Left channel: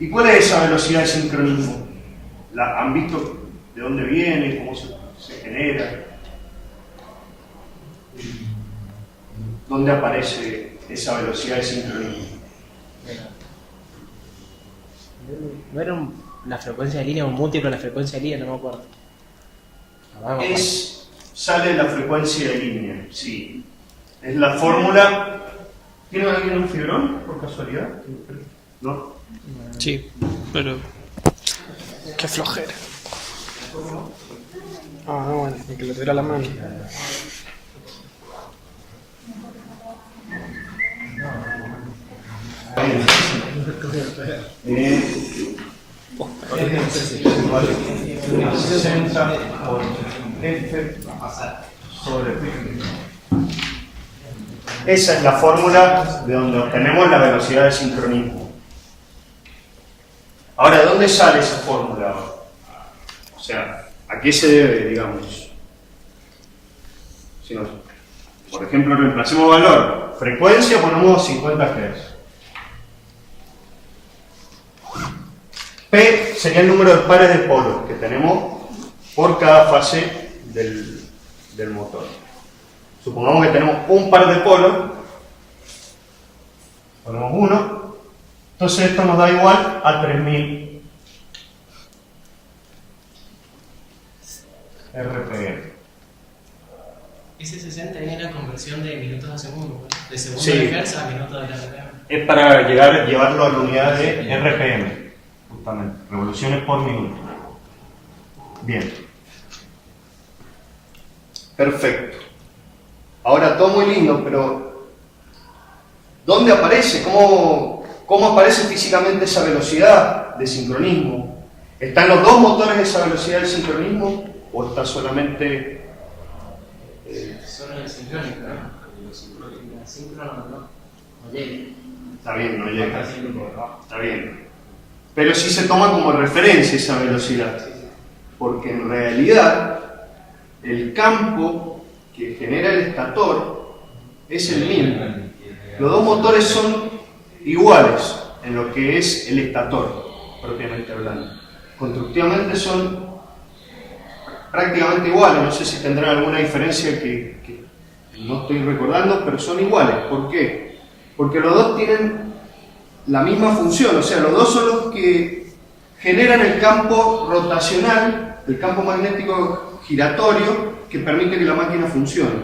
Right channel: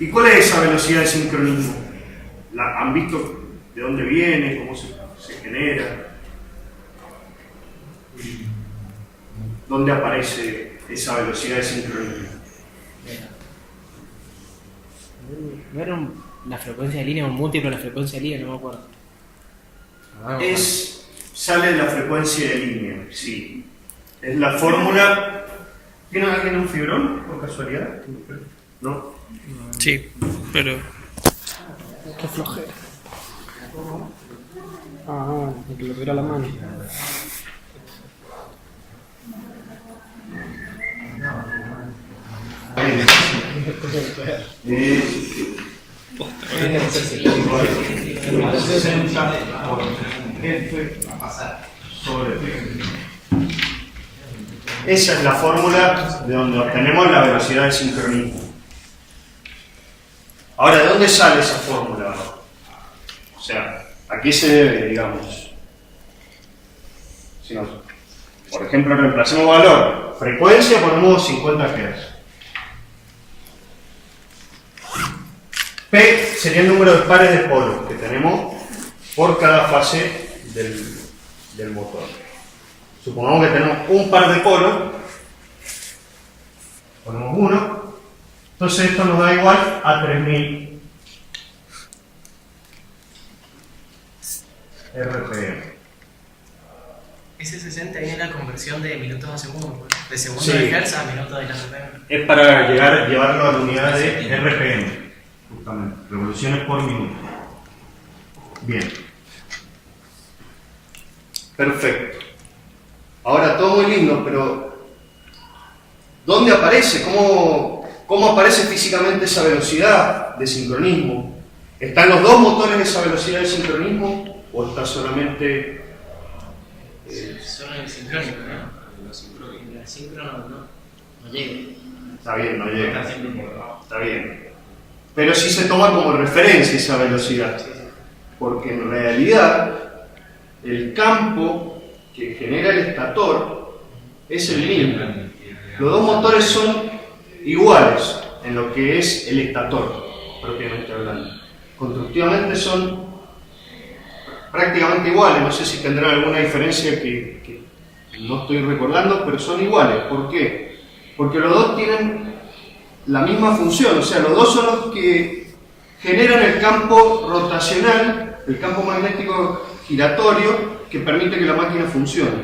¿Y cuál es esa velocidad de sincronismo? ¿Han visto de dónde viene? ¿Cómo se genera? ¿Dónde aparece esa velocidad de sincronismo? ¿No era una frecuencia de línea, un múltiplo de la frecuencia de línea? No me acuerdo. Sale de la frecuencia de línea, sí. Es la fórmula. ¿Tiene alguien un fibrón, por casualidad? ¿No? Sí, pero... Qué flojera. Ah, bueno, y que lo tuviera la mano. A 60 por F sobre P. Esa es la fórmula de donde obtenemos la velocidad de sincronismo. Ahora, ¿de dónde sale esa fórmula? O sea, ¿a qué se debe, digamos? Si nos, por ejemplo, reemplacemos valor. Frecuencia, ponemos 50 Hz. P sería el número de pares de polos que tenemos por cada fase del motor. Supongamos que tenemos un par de polos, ponemos 1, entonces esto nos da igual a 3000 RPM. Ese 60 es la conversión de minutos a segundo, pues. De segundo Sí. de Hertz a minutos de la RPM. Es para llevarlo a la unidad de RPM, justamente, revoluciones por minuto. Bien. Perfecto. Ahora, todo muy lindo, pero ¿dónde aparece? ¿Cómo aparece físicamente esa velocidad de sincronismo? ¿Están los dos motores esa velocidad de sincronismo o está solamente...? Solo el sincrónico, ¿no? El síncrono no llega. Está bien, no llega. Está bien. Pero sí se toma como referencia esa velocidad. Porque en realidad el campo que genera el estator es el mismo. Los dos motores son iguales en lo que es el estator, propiamente hablando. Constructivamente son prácticamente iguales. No sé si tendrán alguna diferencia que no estoy recordando, pero son iguales. ¿Por qué? Porque los dos tienen la misma función, o sea, los dos son los que generan el campo rotacional, el campo magnético giratorio que permite que la máquina funcione.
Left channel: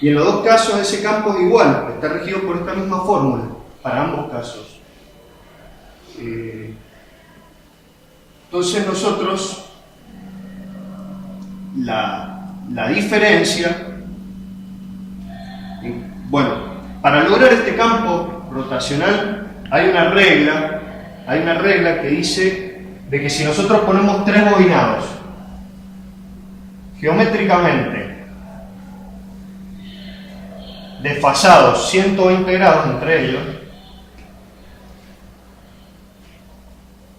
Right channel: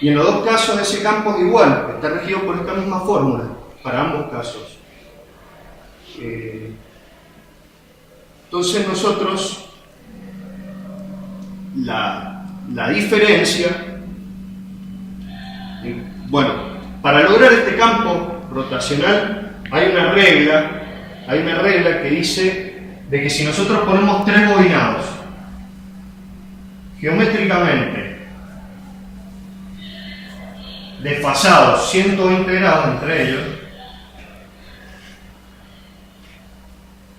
Y en los dos casos ese campo es igual, está regido por esta misma fórmula, para ambos casos. Entonces nosotros, la diferencia, bueno, para lograr este campo rotacional hay una regla que dice de que si nosotros ponemos tres bobinados geométricamente desfasados 120 grados entre ellos,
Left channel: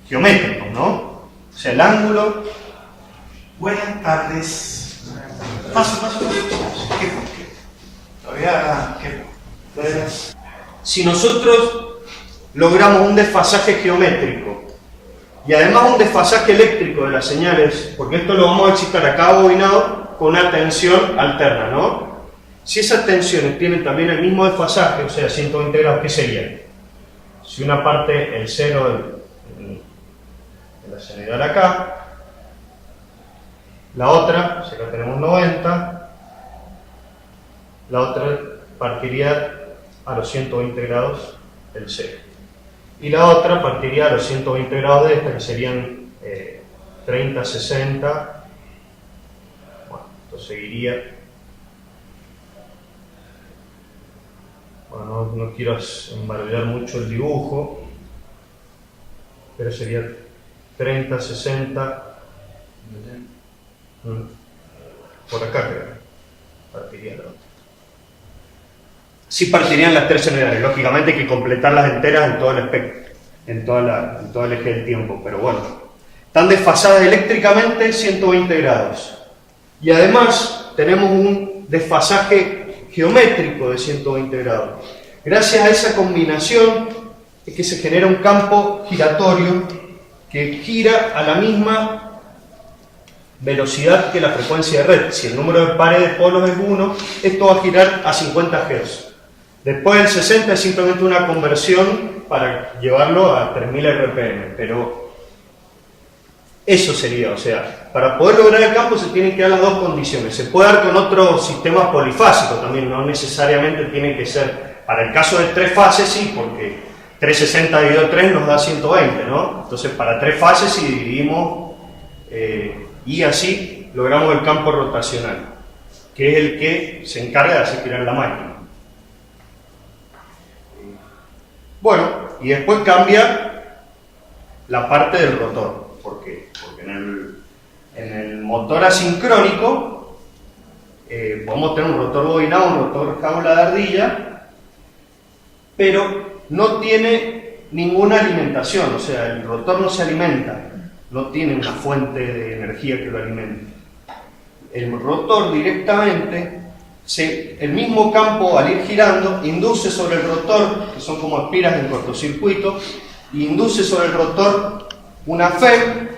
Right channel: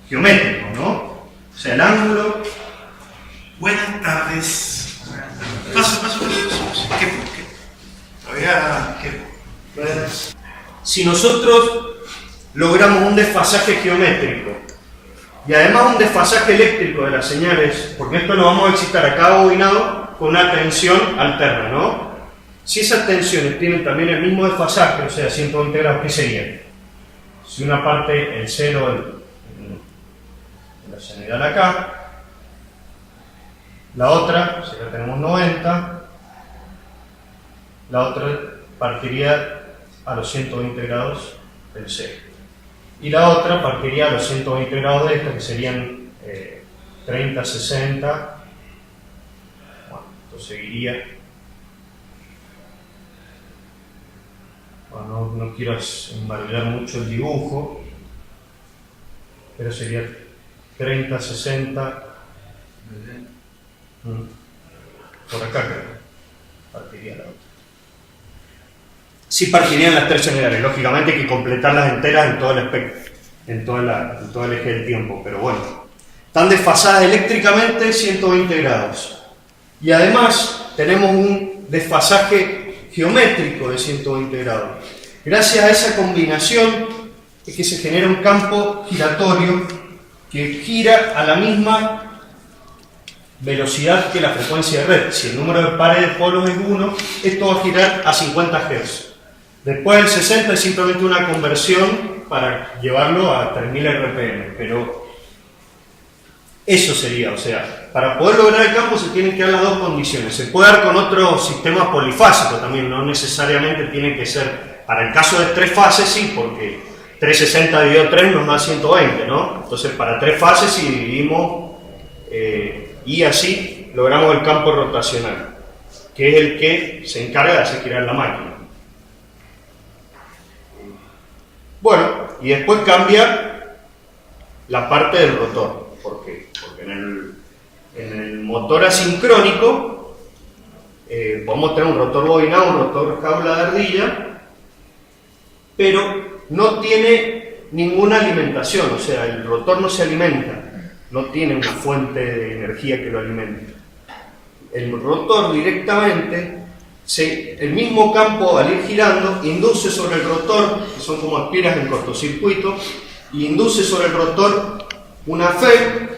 geométricos, ¿no? O sea, el ángulo... Buenas tardes. Paso. ¿Qué? Todavía... ¿Qué? Si nosotros logramos un desfasaje geométrico y además un desfasaje eléctrico de las señales, porque esto lo vamos a excitar a cada bobinado con una tensión alterna, ¿no? Si esas tensiones tienen también el mismo desfasaje, o sea, 120 grados, ¿qué sería? Si una parte en cero en la señal acá, la otra, si acá tenemos 90, la otra partiría a los 120 grados del C. Y la otra partiría a los 120 grados de esta, que serían 30, 60. Bueno, esto seguiría. Bueno, no quiero embarallar mucho el dibujo, pero sería 30, 60. Por acá creo. Partiría la otra. Sí partirían las tres unidades, lógicamente hay que completarlas enteras en todo el espectro, en todo el eje del tiempo, pero bueno. Están desfasadas eléctricamente 120 grados. Y además tenemos un desfasaje geométrico de 120 grados. Gracias a esa combinación es que se genera un campo giratorio que gira a la misma velocidad que la frecuencia de red. Si el número de pares de polos es 1, esto va a girar a 50 Hz. Después del 60 es simplemente una conversión para llevarlo a 3000 RPM, pero eso sería, o sea, para poder lograr el campo se tienen que dar las dos condiciones. Se puede dar con otros sistemas polifásicos también, no necesariamente tienen que ser, para el caso de 3 fases sí, porque 360 dividido 3 nos da 120, ¿no? Entonces para 3 fases si dividimos y así logramos el campo rotacional, que es el que se encarga de hacer girar la máquina. Bueno, y después cambia la parte del rotor. ¿Por qué? Porque en el motor asincrónico podemos tener un rotor bobinado, un rotor jaula de ardilla, pero no tiene ninguna alimentación, o sea, el rotor no se alimenta, no tiene una fuente de energía que lo alimente. El rotor directamente, el mismo campo al ir girando, induce sobre el rotor, que son como espiras en cortocircuito, y induce sobre el rotor una FEM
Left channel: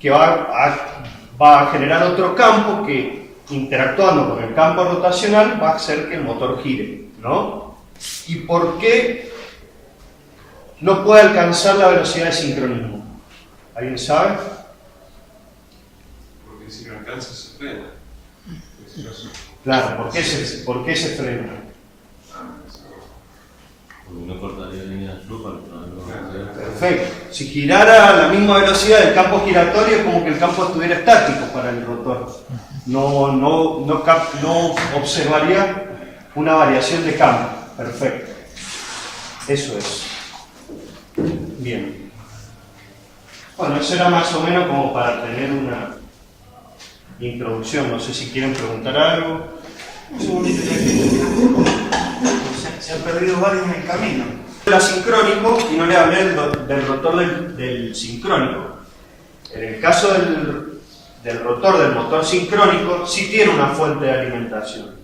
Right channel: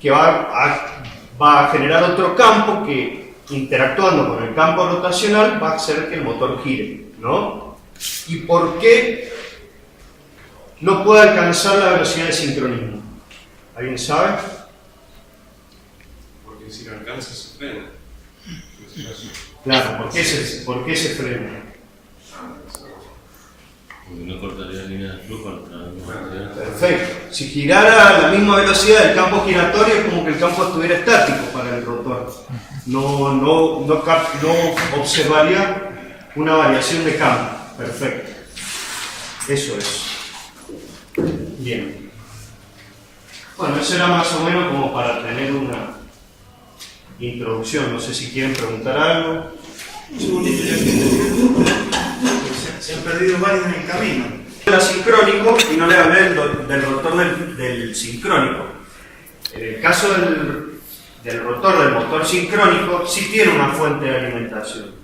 que va a generar otro campo que, interactuando con el campo rotacional, va a hacer que el motor gire, ¿no? ¿Y por qué no puede alcanzar la velocidad de sincronismo? ¿Alguien sabe? Porque si no alcanza se frena. Claro, ¿por qué se frena? Porque no cortaría la línea de flujo. Perfecto. Si girara a la misma velocidad del campo giratorio, es como que el campo estuviera estático para el rotor. No observaría una variación de campo. Perfecto. Eso es. Bien. Bueno, eso era más o menos como para tener una introducción. No sé si quieren preguntar algo. Un segundito, ya que se han perdido varios en el camino. El asincrónico, y no le hablé del rotor del sincrónico. En el caso del rotor del motor sincrónico, sí tiene una fuente de alimentación.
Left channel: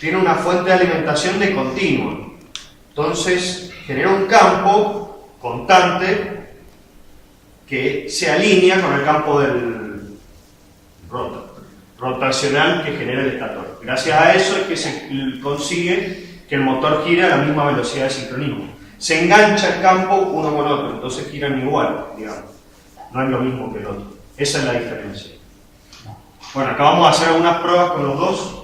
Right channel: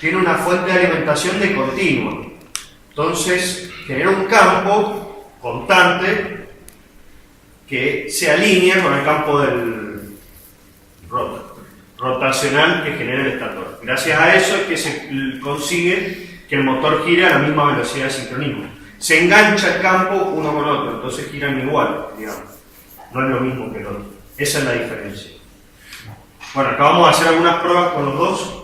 Tiene una fuente de alimentación de continuo. Entonces, genera un campo constante que se alinea con el campo del rotacional que genera el estator. Gracias a eso es que se consigue que el motor gire a la misma velocidad de sincronismo. Se engancha el campo uno con otro, entonces giran igual, digamos. No es lo mismo que el otro. Esa es la diferencia. Bueno, acá vamos a hacer algunas pruebas con los dos.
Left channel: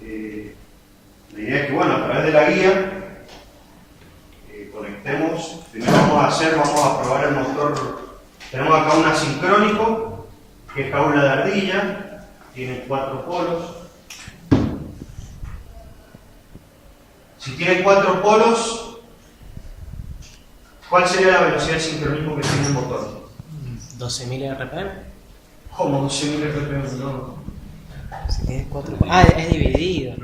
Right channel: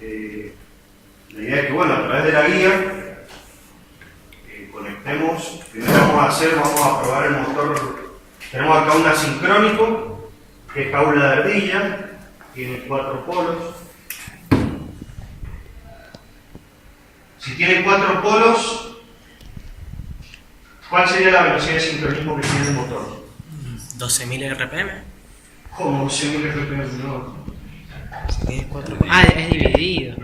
La idea es que, bueno, a través de la guía conectemos. Primero vamos a probar el motor. Tenemos acá un asincrónico, que es jaula de ardilla, tiene 4 polos. Si tiene 4 polos, ¿cuál sería la velocidad de sincronismo que tiene el motor? 12.000 RPM. ¿Cómo 12.000 RPM? No. Si tienes 4. Ah, es dividido.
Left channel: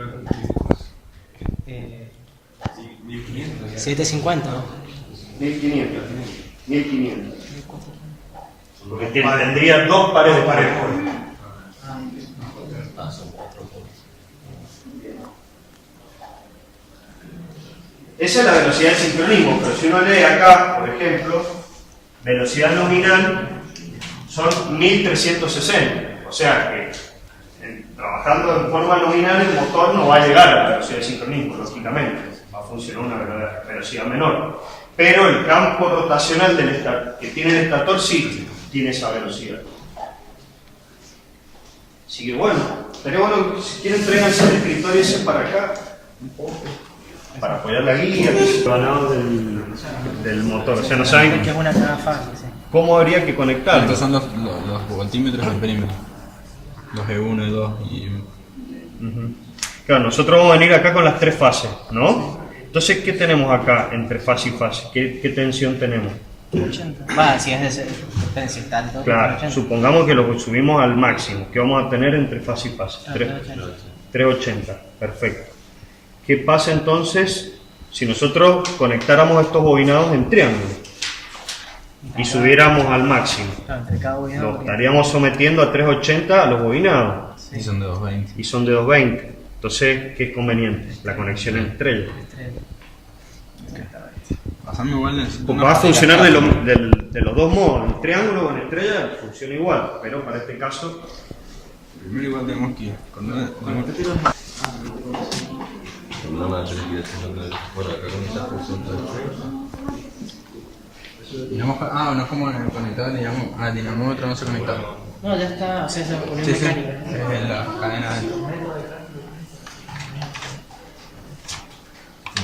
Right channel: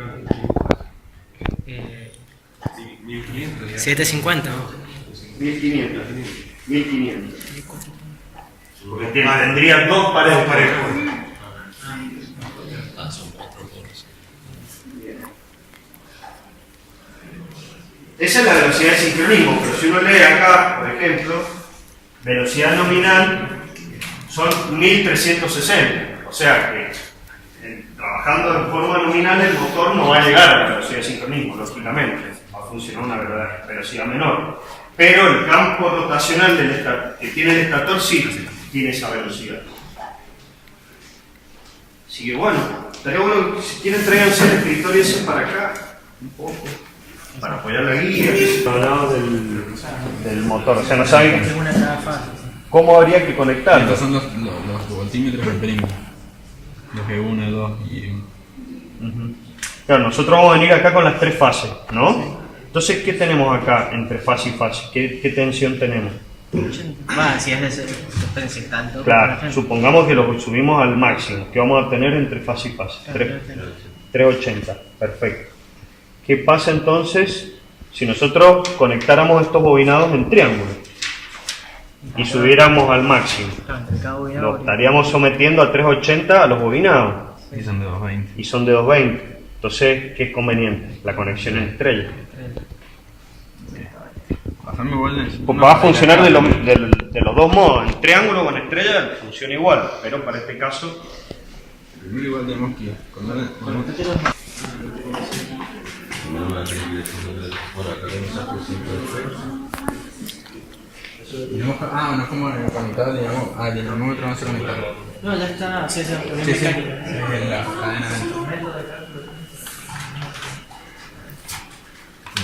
750. 1500. 1500. Porque tendría 2 pares de polos. Son 4 polos. Esa es la velocidad de sincronismo, pero si uno lee acá, por ejemplo, velocidad nominal son 1360. O sea que trabajando en forma nominal el motor no va a llegar a la velocidad de sincronismo, lógicamente, va a funcionar a una velocidad menor. Pero el campo rotacional que tiene el estator sí tiene esa velocidad. Así que bueno, estaría bueno, si quieren tráiganse el escritorio ese para acá, un poco, para apoyar la guía, que es el del motor. O sea, no saben cómo habría que conectarlo. Estos son los voltímetros del perímetro. Los E1, E2 y... Claro, nosotros vamos a venir acá con las 3 fases, ¿no? Entonces, ¿qué tenemos acá entre fase y fase? ¿Qué tensión tenemos? 80. Va, si es de si está alto. Claro, supongamos que lo subimos al máximo, que vamos a tener entre fase y fase. 380, perfecto. ¿Qué pasa entonces si nosotros conectáramos estos bobinados en triángulo y subiéramos al máximo? Claro, entre cada bobinado. Nos estaríamos sometiendo a 380 a los bobinados. Y son de 220. Y son de 220. Entonces, ¿qué es conveniente? La conexión entre ellos. Pasame igual de... Pues va a funcionar de los dos modos, en triángulo o en estrella funciona igual, pero para este caso... Primero igual tenemos que ir con No me va a tener que decir bueno, acá comenzar con 5 no es como conectar al dinamómetro, no se conecta. No, ya está, o sea, se pone Sí, sí, mecánica. es la cadena adentro.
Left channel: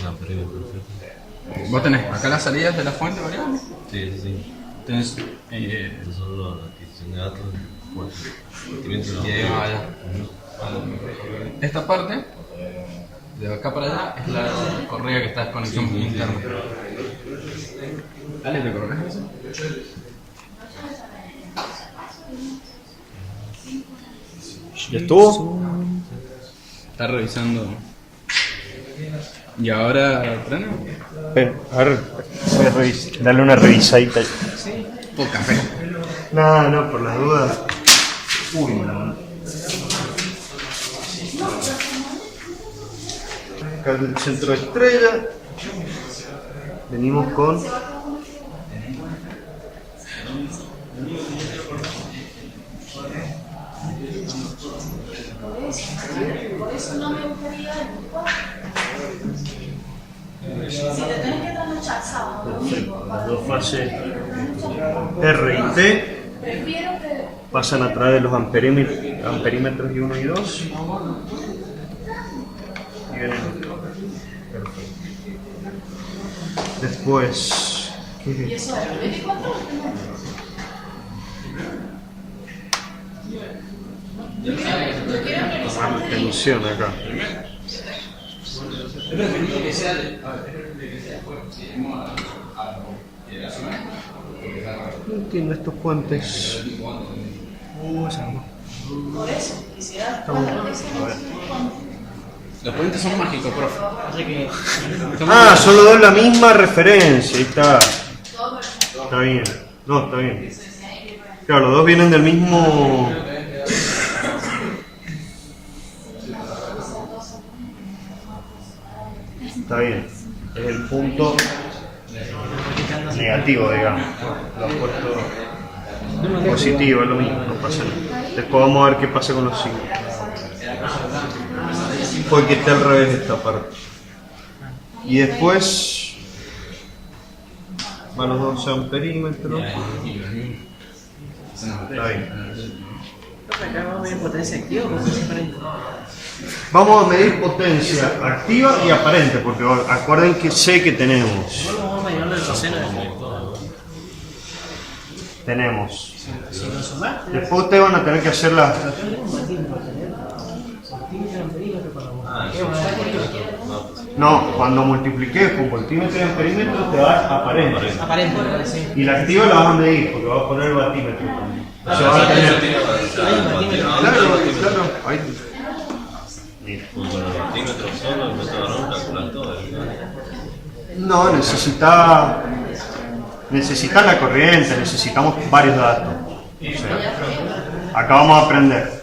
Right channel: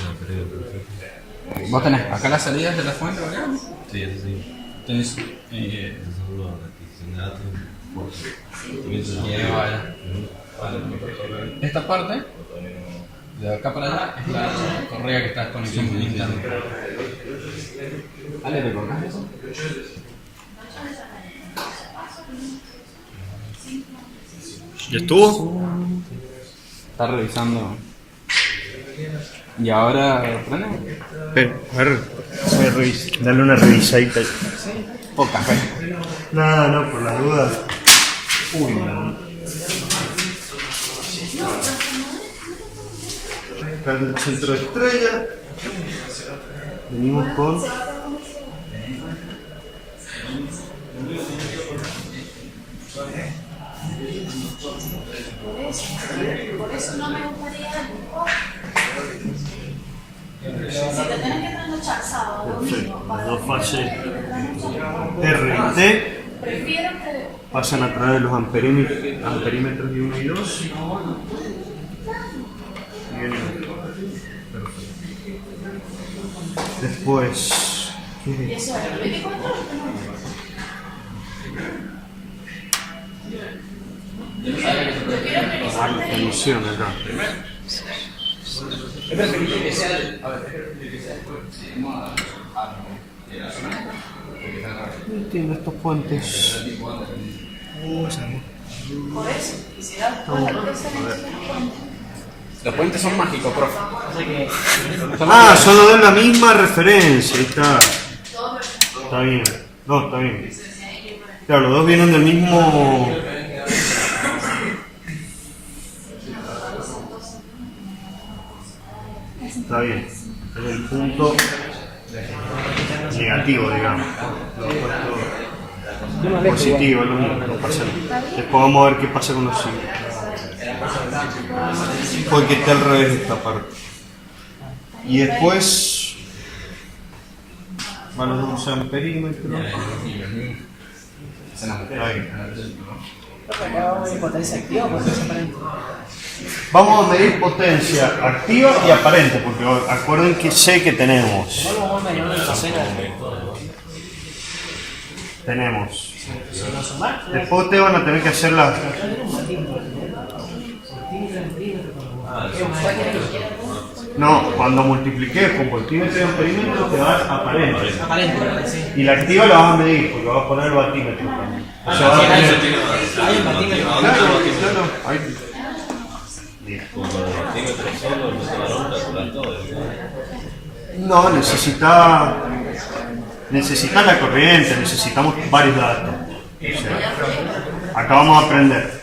No, pero perfecto. Vos tenés acá las salidas de la fuente variable. Sí, eso sí. Tenés. Eso solo la adquisición de datos. Pues, esta parte, de acá para allá, es la correa que está en conexión interna. ¿Ale, te colocas eso? ¿Ya estuvo? Está revisando. ¿Y ahora prende? A ver, dale una revisadita. Por café. No, por las dudas. Uy, no. Acá el centro de estrella. Venimos con... Por eso no me gustaría. Si te tenés que trasnochar sábado, domingo, Las dos fases R y T prefiero que. pasan a través de los amperímetros y 1 y 2. Y venimos. Perfecto. Después, ¿qué es Y esto? eso es 24 Yo quiero Ah, priorizarte. tensión acá. No entiendo estos puentes. Por eso, quisiera cuatro que sean Los puentes son mágicos, profe. Ah, son los dos la misma referencia. Ahí está. Está bien. No, está bien. Claro, los dos vienen del mismo. Está bien. Es el punto negativo, digamos. Lo opuesto positivo, es lo mismo, no pasa nada. Después vamos a ver qué pasa con los signos. Porque está al revés esta parte. Y después van los dos amperímetros. Está bien. Acá vamos a ver potencia activa o potencia aparente. Vamos a medir potencia activa y aparente, porque acuerden que sé que tenemos. Vamos a medir la cocina. Tenemos. Si lo sumás, Después ustedes van a tener que hacer las. No, cuando multipliques con voltímetro y amperímetro te va a aparente. aparente, sí. Y la activa la vas a medir, porque vas a poner el batímetro también. O sea, vas a tener. Claro, ahí. Mira. Como con el partímetro solo, el método varón, calcular todo. No, necesitas la corriente, necesitamos varios datos. O sea, acá vamos a aprender.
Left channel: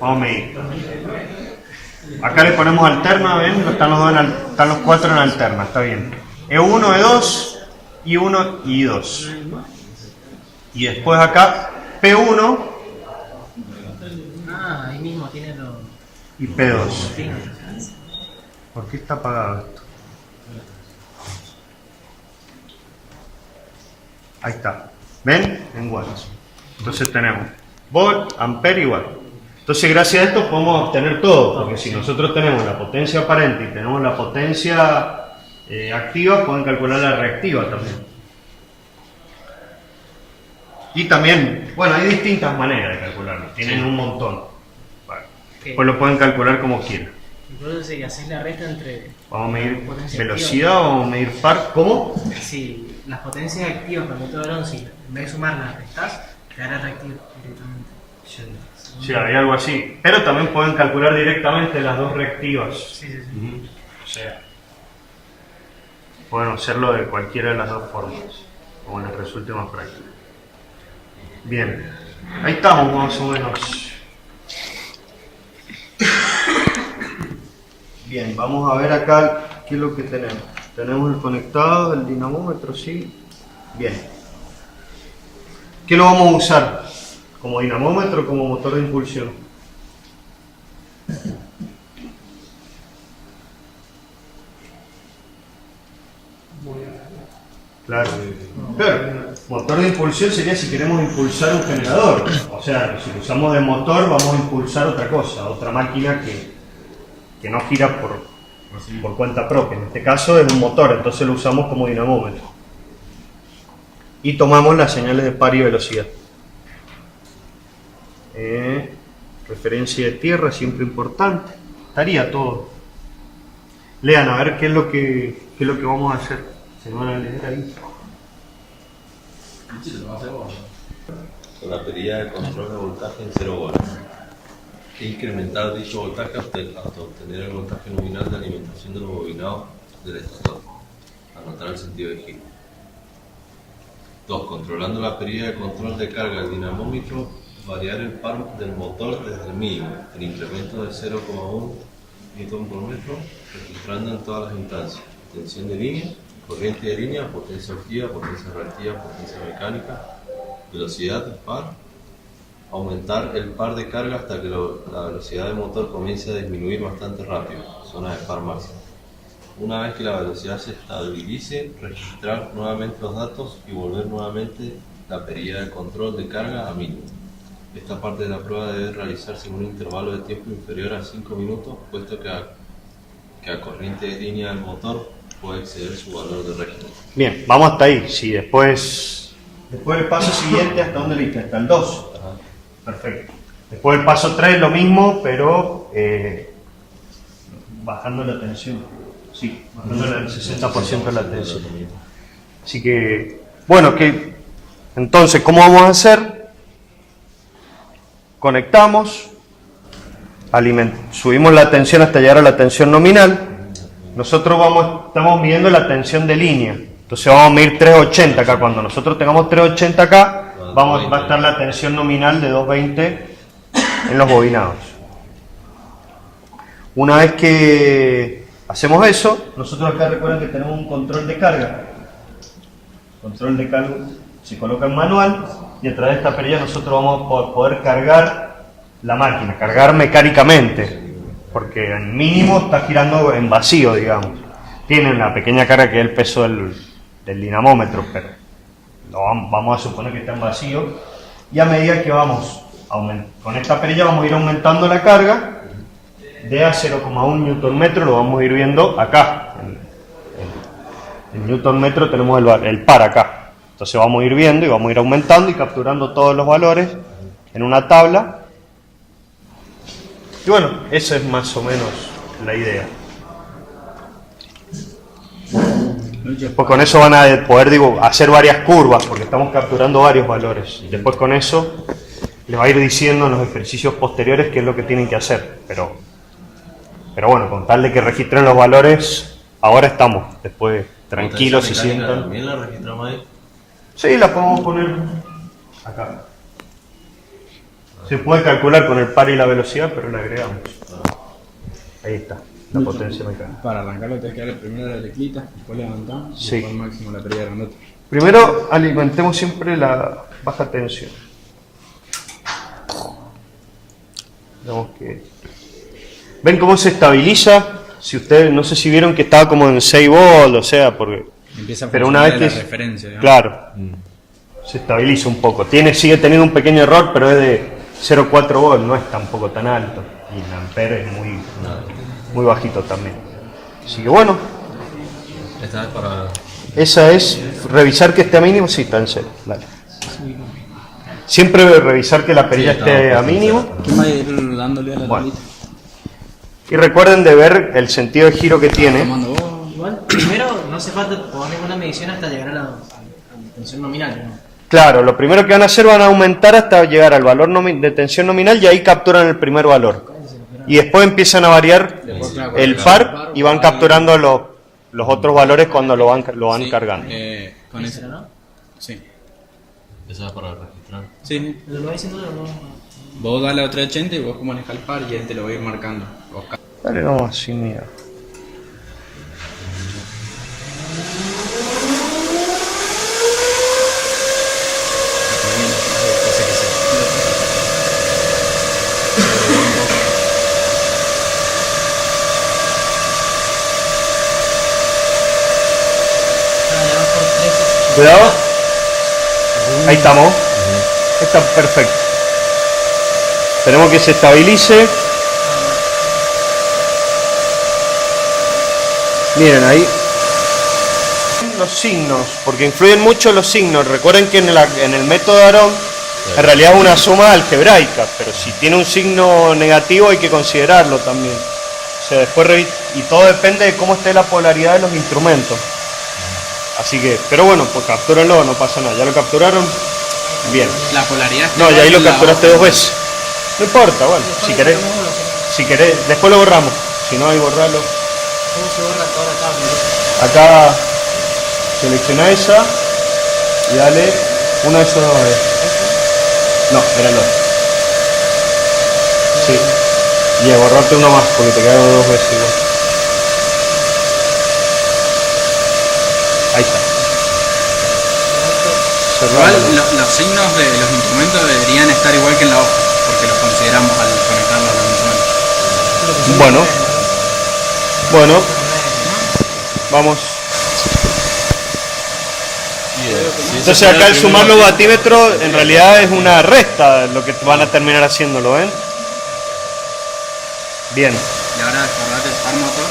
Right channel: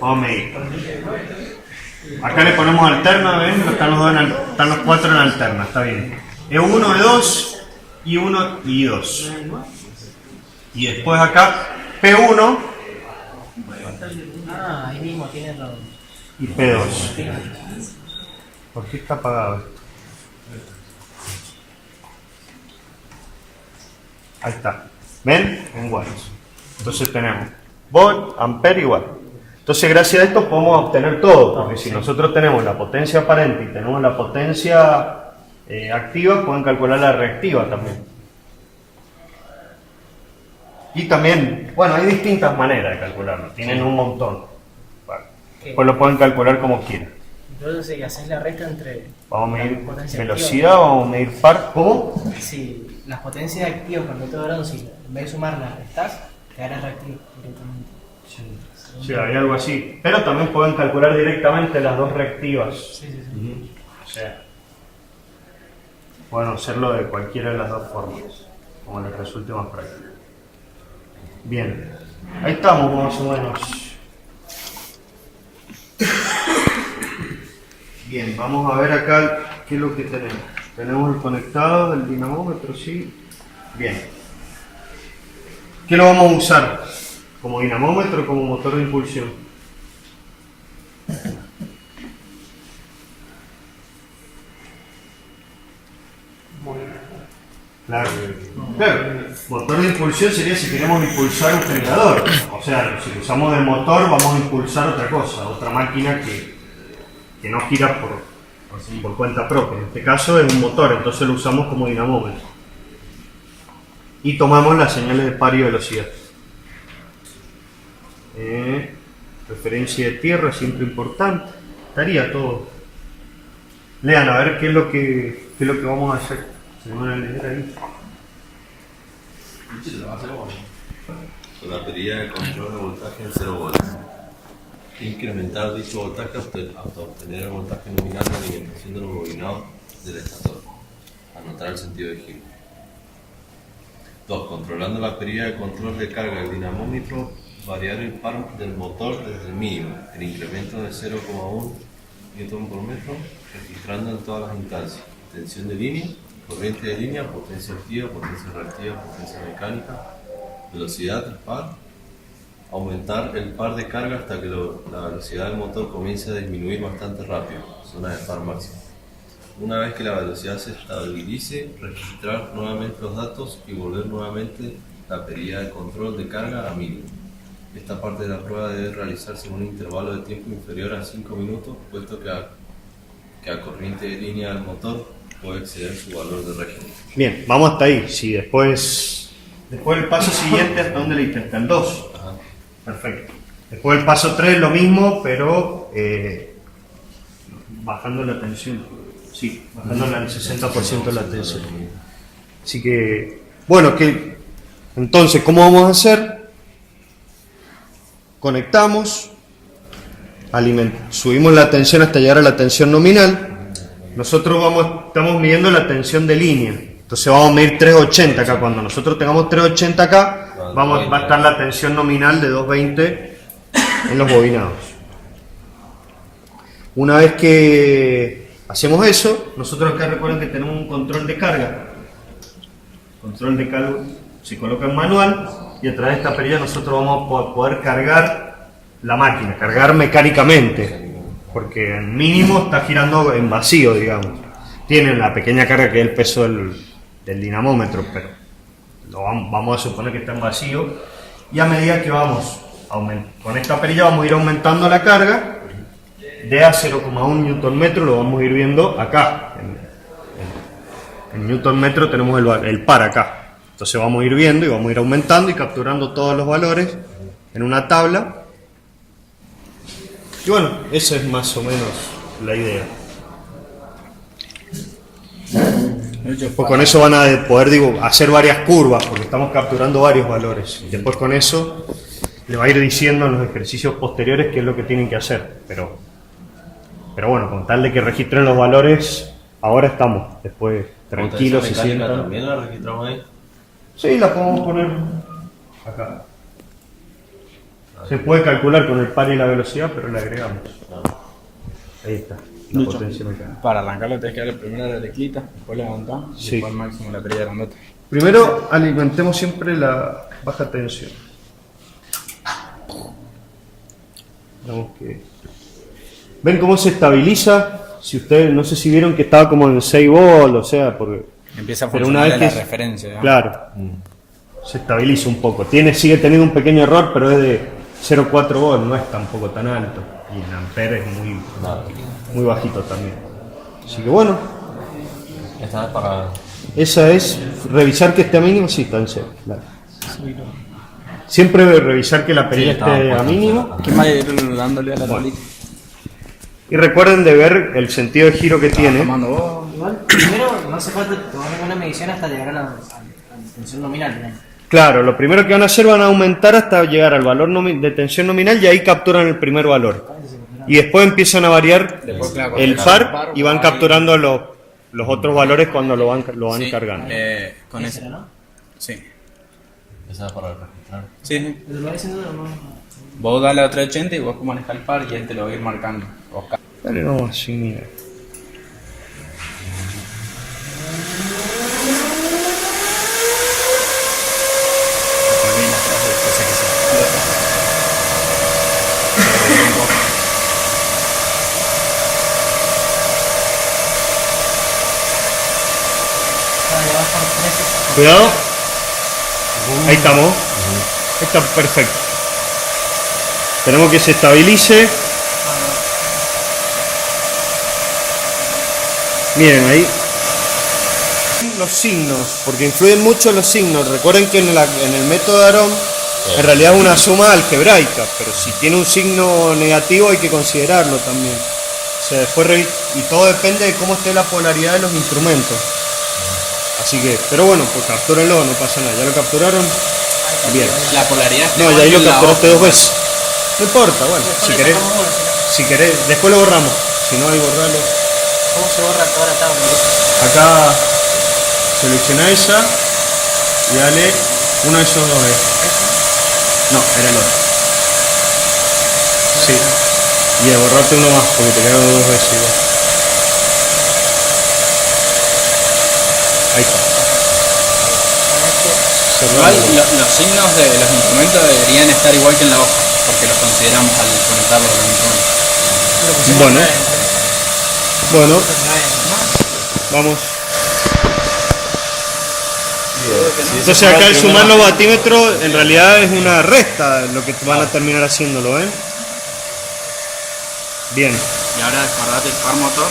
Vamos a medir. Acá le ponemos alterna, ¿ven? Están los cuatro en alterna, está bien. E1, E2, I1 y I2. Y después acá P1 Ah, ahí mismo tiene los. y P2. ¿Por qué está apagado esto? Ahí está. ¿Ven? En watts. Entonces tenemos volt, ampere y watt. Entonces gracias a esto podemos obtener todo, porque si nosotros tenemos la potencia aparente y tenemos la potencia activa, pueden calcular la reactiva también. Y también, bueno, hay distintas maneras de calcularlo, tienen un montón. Vale. Pues lo pueden calcular como quieran. Entonces, si haces la resta entre. Vamos a medir potencia velocidad, vamos a medir par. ¿Cómo? activa. Si las potencias activas con el método Varón, si en vez de sumarlas restás, te dará reactivo directamente. Sí, hay algo así. Pero también pueden calcular directamente las dos reactivas. Sí, sí, sí. Ujú. O sea, pueden hacerlo de cualquiera de las dos formas, como les resulte más práctico. Bien, ahí estamos más o menos. Bien, vamos a ver acá ¿qué es lo que tenemos? Tenemos el conectado, el dinamómetro, sí. Bien. ¿Qué lo vamos a usar? ¿Como dinamómetro o como motor de impulsión? Claro. Motor de impulsión sería si queremos impulsar un generador. O sea, si lo usamos de motor vamos a impulsar otra cosa, otra máquina que no gira por cuenta propia. En este caso es un motor, entonces lo usamos como dinamómetro. Y tomamos las señales de par y velocidad. Referencia de tierra, siempre importante. Estaría todo. Lean a ver qué es lo que vamos a hacer. Se van a leer ahí. Con la perilla de control de voltaje en 0 volts. Incrementar dicho voltaje hasta obtener el voltaje nominal de alimentación del bobinado del estator. Anotar el sentido de giro. 2. Controlando la perilla de control de carga del dinamómetro, variar el par del motor desde el mínimo, el incremento de 0,1 Nm por metro, registrando en todas las instancias. Tensión de línea, corriente de línea, potencia activa, potencia reactiva, potencia mecánica, velocidad del par, aumentar el par de carga hasta que la velocidad del motor comience a disminuir bastante rápido, zona de par máxima. Una vez que la velocidad se estabilice, registrar nuevamente los datos y volver nuevamente la perilla de control de carga a mínimo. Esta parte de la prueba debe realizarse en un intervalo de tiempo inferior a 5 minutos, puesto que a corriente de línea del motor puede exceder su valor de régimen. Bien, vamos hasta ahí. Si después el paso siguiente, ¿hasta dónde le diste? Hasta el 2. Ajá. Perfecto. Después el paso 3 lo mismo, pero bajando la tensión. Sí, bajando el 60% de la tensión. Así que, bueno, entonces, ¿cómo vamos a hacer? Conectamos, subimos la tensión hasta llegar a la tensión nominal. Nosotros estamos midiendo la tensión de línea. Entonces vamos a medir 380 acá. Cuando nosotros tengamos 380 acá, va a estar la tensión nominal de 220 en los bobinados. Una vez que hacemos eso, nosotros acá recuerden que tenemos un control de carga. Control de carga se coloca en manual y a través de esta perilla nosotros vamos a poder cargar la máquina, cargar mecánicamente, porque el mínimo está girando en vacío, digamos. Tiene la pequeña carga que es el peso del dinamómetro, pero vamos a suponer que está en vacío, y a medida que vamos con esta perilla vamos a ir aumentando la carga de a 0,1 Nm, lo vamos a ir viendo acá. En Newton metro tenemos el par acá. Entonces vamos a ir viendo y vamos a ir aumentando y capturando todos los valores en una tabla. Y bueno, esa es más o menos la idea. Después con eso van a poder hacer varias curvas, porque estamos capturando varios valores. Después con eso les va a ir diciendo en los ejercicios posteriores qué es lo que tienen que hacer. Pero bueno, con tal de que registren los valores, ahora estamos después tranquilos y sienten. ¿También la registramos ahí? Sí, la podemos poner acá. Se puede calcular con el par y la velocidad, pero la agregamos. Ahí está, la potencia mecánica. Para arrancarlo tienes que darle primero la teclita, después levantamos y Sí. después al máximo la perilla grandota. Primero alimentemos siempre la baja tensión. Digamos que... ¿Ven cómo se estabiliza? Si ustedes, no sé si vieron que estaba como en 6 volts, o sea, porque... Empieza a pero una vez que la referencia, ¿no? claro, se estabiliza un poco. Sigue teniendo un pequeño error, pero es de 0,4 volts, no es tampoco tan alto. Y el ampere es muy bajito también. Así que bueno, Esta es para... esa es revisar que esté a mínimo. Sí, está en cero. Dale. Siempre revisar que la perilla esté a mínimo. ¿Quién va a ir dándole a la Bueno. tablita? Y recuerden de ver el sentido de giro que tiene. Tomando vos. Igual, primero no hace falta tomar ninguna medición hasta llegar a la tensión nominal, digamos. Claro, lo primero que van a hacer van a aumentar hasta llegar al valor de tensión nominal y ahí capturan el primer valor. Y después empiezan a variar el par y van capturando los otros valores cuando lo van Sí, cargando. Con Esa, eso. ¿no? Sí. Esa es para registrar. Sí. Pero lo va diciendo no. Vos dale a 380 y vos manejas el par y él te lo va a ir marcando. Vale, no, sin miedo. Cuidado. Ahí estamos. Está perfecto. Esperemos que se estabilice. Miren ahí. Los signos, porque influyen mucho los signos. Recuerden que en el método de Aarón en realidad es una suma algebraica, pero si tiene un signo negativo hay que considerarlo también. O sea, después y todo depende de cómo esté la polaridad de los instrumentos. Así que, pero bueno, pues captúrenlo, no pasa nada. ¿Ya lo capturaron? Bien. La polaridad. No, ya ahí lo capturaste 2 veces. No importa, bueno, si querés, después lo borramos. Si no, hay borrarlo. ¿Cómo se borra toda la tabla? Acá selecciona esa y dale uno de esos. No, era el otro. Sí. Y borrarte uno más porque te quedaron 2 veces igual. Ahí está. Igual los signos de los instrumentos deberían estar igual que en la hoja, porque los consideramos al conectarlos a los instrumentos. Bueno, vamos. Entonces acá el sumar los batímetros en realidad es una resta lo que van a terminar haciéndolo, ¿ven? Bien. Y ahora acordate el par motor.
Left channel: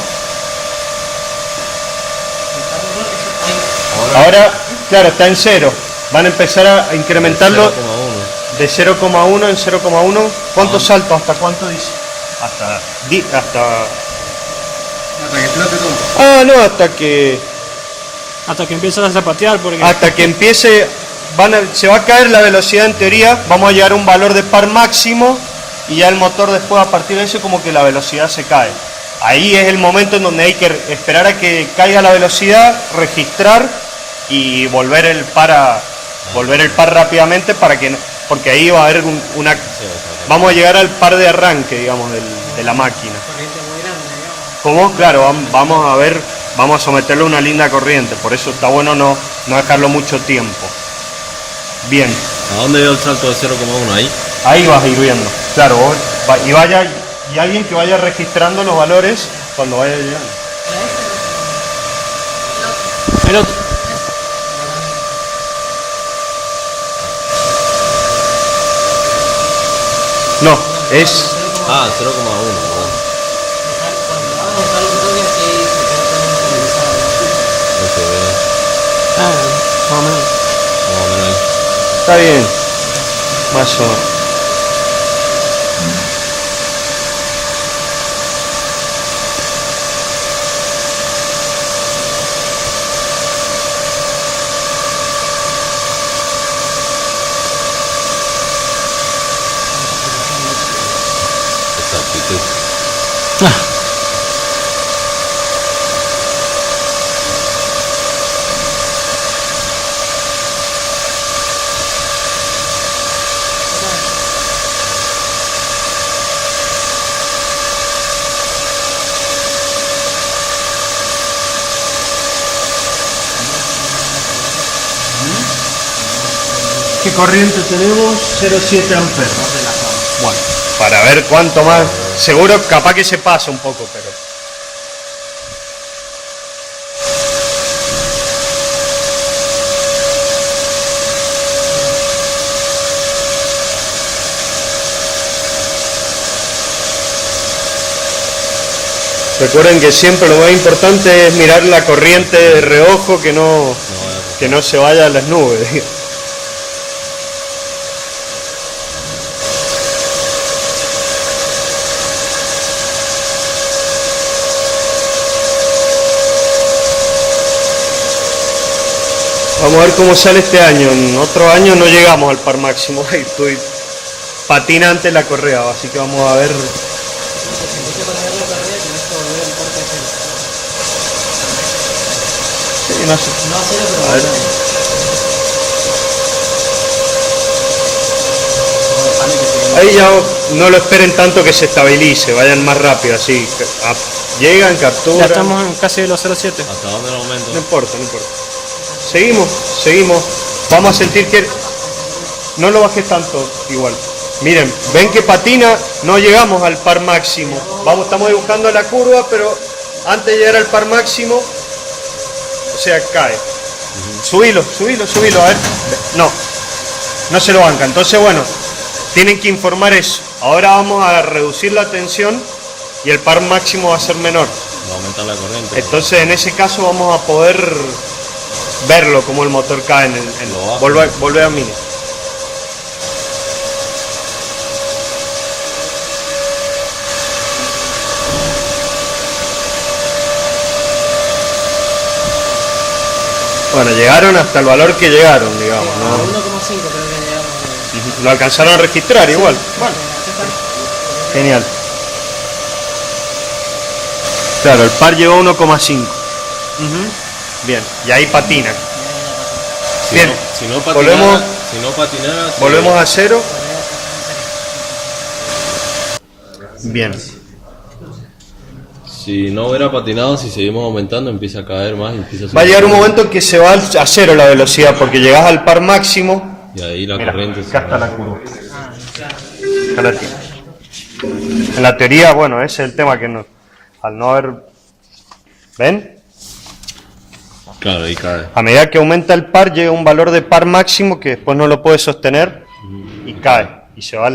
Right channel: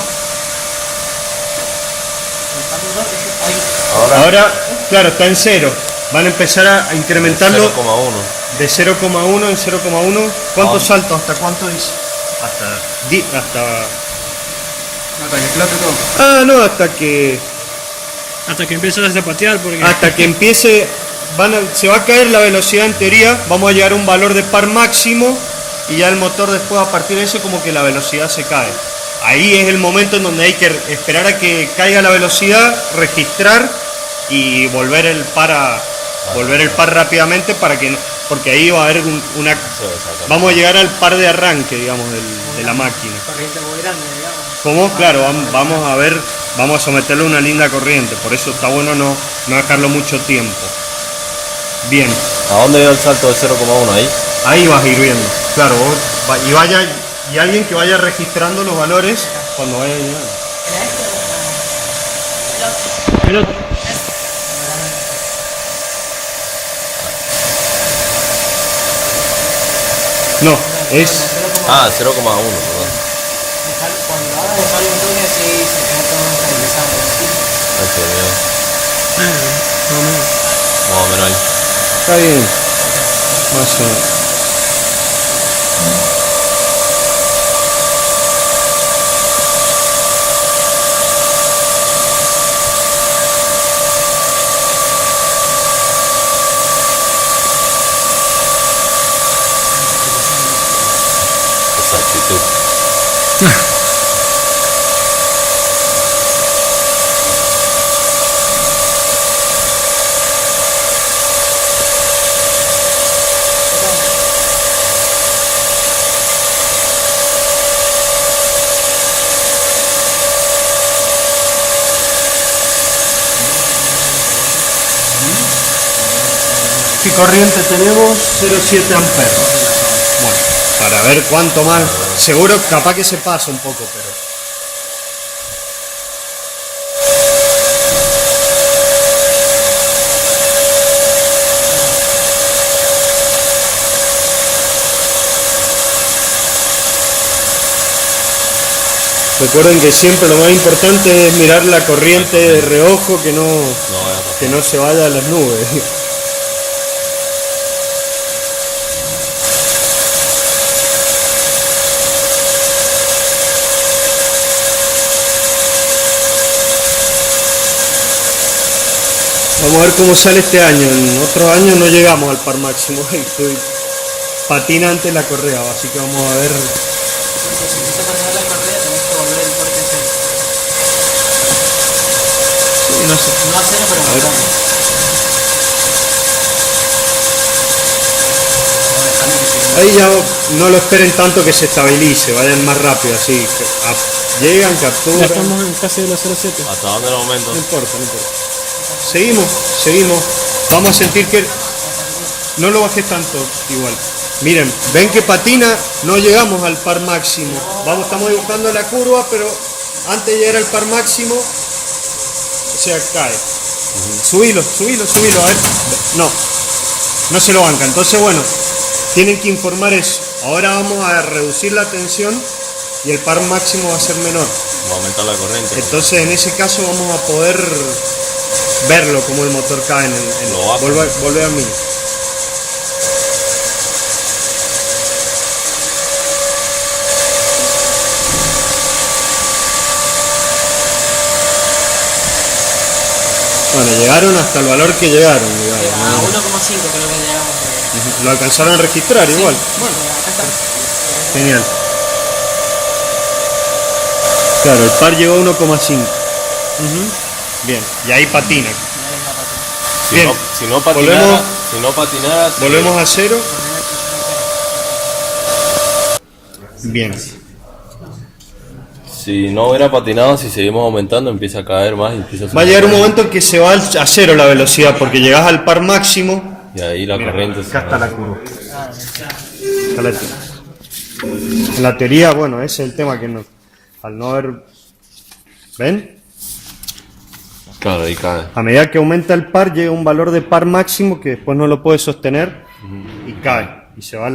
Ahora, claro, está en 0. Van a empezar a incrementarlo 0,1. de 0,1 en 0,1. ¿Cuánto salto? ¿Hasta cuánto dice? Hasta Hasta que explote todo. Ah, no, hasta que empiezas a zapatear porque... hasta que empiece se va a caer la velocidad en teoría. Vamos a llegar a un valor de par máximo y ya el motor después a partir de eso como que la velocidad se cae. Ahí es el momento en donde hay que esperar a que caiga la velocidad, registrar y volver el par rápidamente porque ahí va a haber vamos a llegar al par de arranque, digamos, de la máquina. ¿Cómo? Claro, vamos a someterlo a una linda corriente, por eso está bueno no dejarlo mucho tiempo. Bien. ¿A dónde dio el salto de 0,1 ahí? Ahí vas a ir viendo, claro, y alguien que vaya registrando los valores cuando vaya llegando. El otro. No, es... Ah, 0,1. Más o menos. Más o menos ahí. Está bien. Más o menos. ¿Qué corriente tenemos? 0,7 amperes. Bueno, para ver cuánto más. Seguro, capaz que se pasa un poco, pero. Recuerden que siempre lo más importante es mirar la corriente de reojo, que no se vaya a las nubes. Vamos a ver cómo sale este año. En otro año no llegamos al par máximo. Estoy patinante en la correa, así que vamos a ver. Sí, no sé. A ver. Ahí ya no lo esperen tanto que se estabilice, vayan más rápido, así. Llegan, capturan. Ya estamos en casi de los 0,7. ¿Hasta dónde el aumento? No importa, no importa. Seguimos. Vamos a sentir que no lo bajes tanto igual. Miren, ven que patina, no llegamos al par máximo. Estamos dibujando la curva, pero antes de llegar al par máximo, o sea, cae. Subilo, a ver. No se lo banca. Entonces, bueno, tienen que informar eso. Ahora vamos a reducir la tensión y el par máximo va a ser menor. Va a aumentar la corriente. Entonces, en ese caso vamos a poder verlo como el motor cae en Lo bajo. volver a mini. Bueno, llegaron hasta el valor que llegaron, digamos. A ¿no? 1,5 creo que llegamos. Lo alcanzaron a registrar igual. Bueno, genial. Claro, el par llegó a 1,5. Bien, y ahí patina. Bien. Si no patinara, Volvemos a cero. Bien. Si no hubiera patinado, si seguimos aumentando, empieza a caer más y empieza a subir. Va a llegar un momento en que se va a cero la velocidad porque llegás al par máximo. Y ahí la corriente se Acá está la curva. Acá la tiro. En la teoría, bueno, ese es el tema que no, al no haber... ¿Ven? Claro, ahí cae. A medida que aumenta el par, llega un valor de par máximo que después no lo puede sostener y cae. Y se va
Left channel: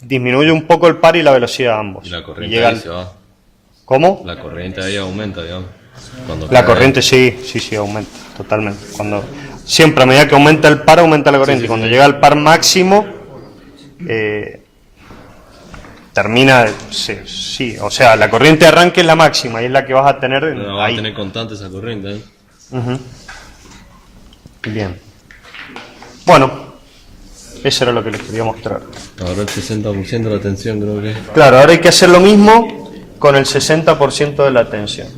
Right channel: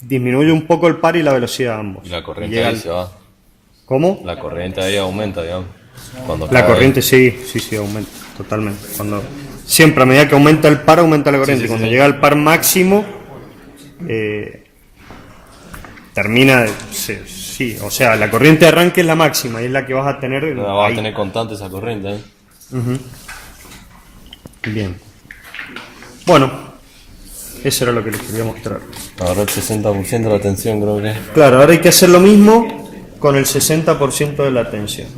disminuye un poco el par y la velocidad de ambos. Y la Y corriente llega ahí al- se va. ¿Cómo? La corriente ahí aumenta, digamos. Cuando La cae. corriente sí, aumenta, totalmente. Siempre a medida que aumenta el par, aumenta la corriente. Sí, Cuando sí. llega al par máximo, termina, sí, o sea, la corriente de arranque es la máxima y es la que vas a tener No, va a ahí. tener constante esa corriente, ¿eh? Bien. Bueno, eso era lo que les quería mostrar. Ahora el 60% de la tensión, creo que. Claro, ahora hay que hacer lo mismo con el 60% de la tensión.